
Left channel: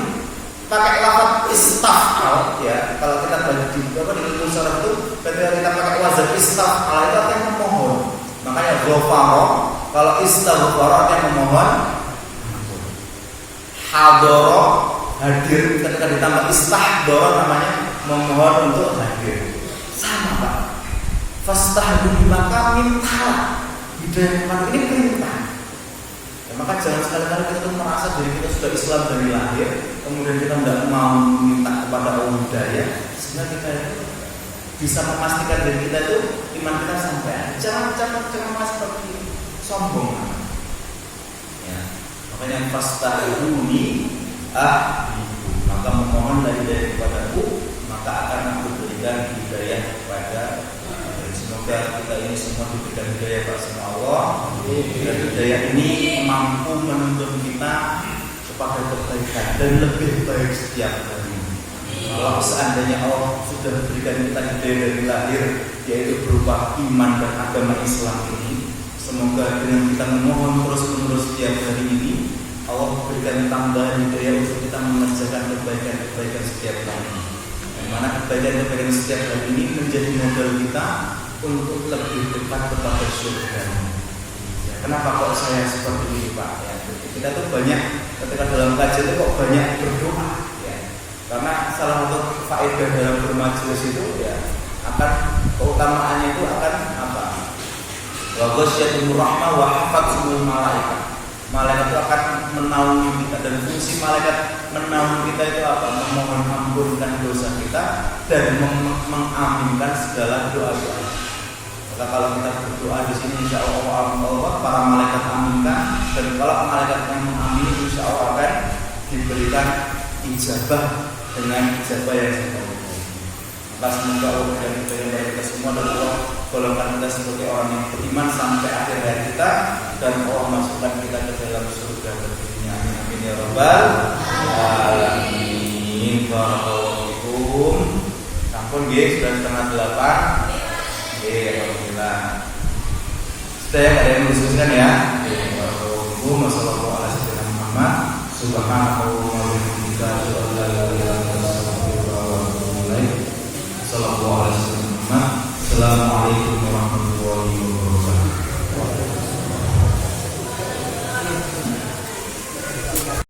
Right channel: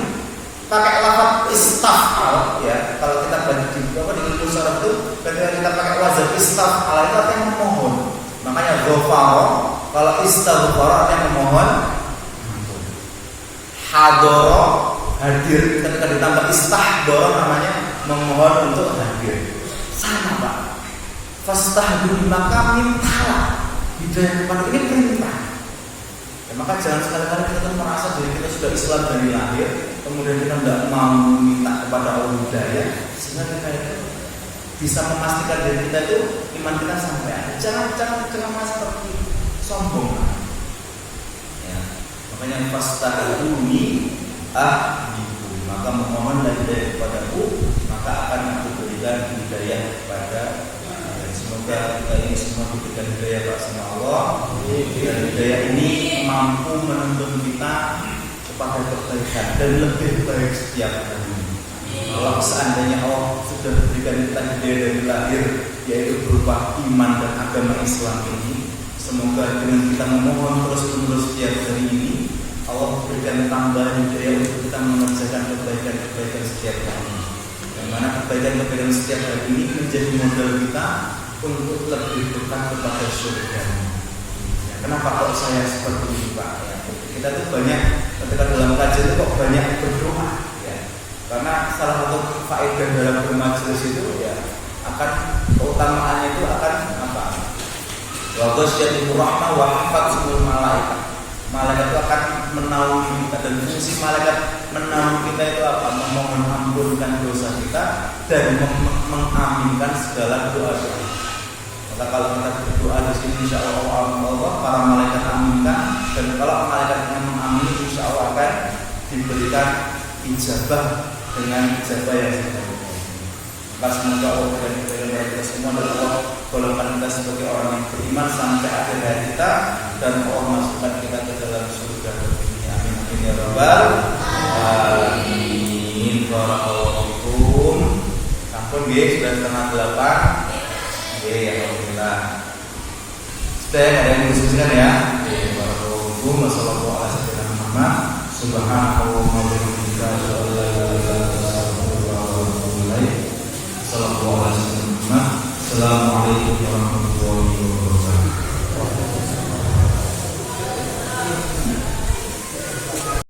pakai lafaz istaf'al ya. Kalau kita baca di ilmu syarah itu, ketika kita pakai wazan istaf'al itu artinya memohon. Makanya ghafara, kalau istaghfara artinya memohon. Hadara, hadir, ketika ditambah istahdara namanya memohon untuk hadir. Sama Pak. Fastahduni, maka mintalah, hidayah kepada ini perintah. Ya, maka jangan sekali-kali kita tuh merasa diri kita sudah Islam dari lahir, kemudian kita tidak mau minta kepada Allah hidayah, sehingga kita itu bisa memastikan diri kita itu iman kita sampai ada. Jangan mas seperti sombong. Ya, makanya fastahuni ahdiku, maka memohonlah hidayah kepadaku, maka akan aku berikan hidayah kepada. Semoga kita ini semua diberikan hidayah sama Allah, dan hidayah ini mampu menuntun kita kepada kebaikan dan lebih baik setiap hari. Kalau seandainya Allah sudah berikan kita hidayah dari lahir, yaitu berupa iman dan agama Islam ini, semoga dengan kita memohon terus-menerus setiap hari ini, Allah berikan tambahan hidayah untuk kita mengerjakan kebaikan-kebaikan setiap hari. Yang mana kebaikan-kebaikan setiap hari ini menjadi modal kita untuk lebih dekat kepada surga. Ya, kenapa kok saya seperti ini Pak? Ya, kita tuh banyak ketika dalam kajian itu kok banyak berdoa. Ya, karena salah satu faedah dalam bermajelis itu ya akan keutamaannya itu akan apa? Wa ghasyiatir rahmah wa hafazatul malaikat. Malaikat itu akan menaungi kita, dan fungsi malaikat menaungi kita itu apa? Memohon ampunkan dosa kita dan mengaminkan segala doa-doa. Maka kalau kita berdoa di sini, insya Allah para malaikat aminkan, dan kalau malaikat yang mengamini, insya Allah akan diberikan ijabah dengan ijabah yang sebaik-baiknya. Maka semoga Allah berikan kebaikan kepada kita semua, dan Allah golongkan kita sebagai orang yang beriman sampai akhir hayat kita, dan Allah masukkan kita ke dalam surga tertinggi. Amin amin ya rabbal alamin. Barakallahu fikum. Sampun nggih, sudah 7:30. Oke, alhamdulillah. Sudah ada yang mendiskusikan ya. Barakallahu wassalamualaikum Muhammad. Subhanallah wa bihamdika asyhadu an la ilaha illa anta astaghfiruka wa atubu ilaik. Assalamualaikum warahmatullahi wabarakatuh.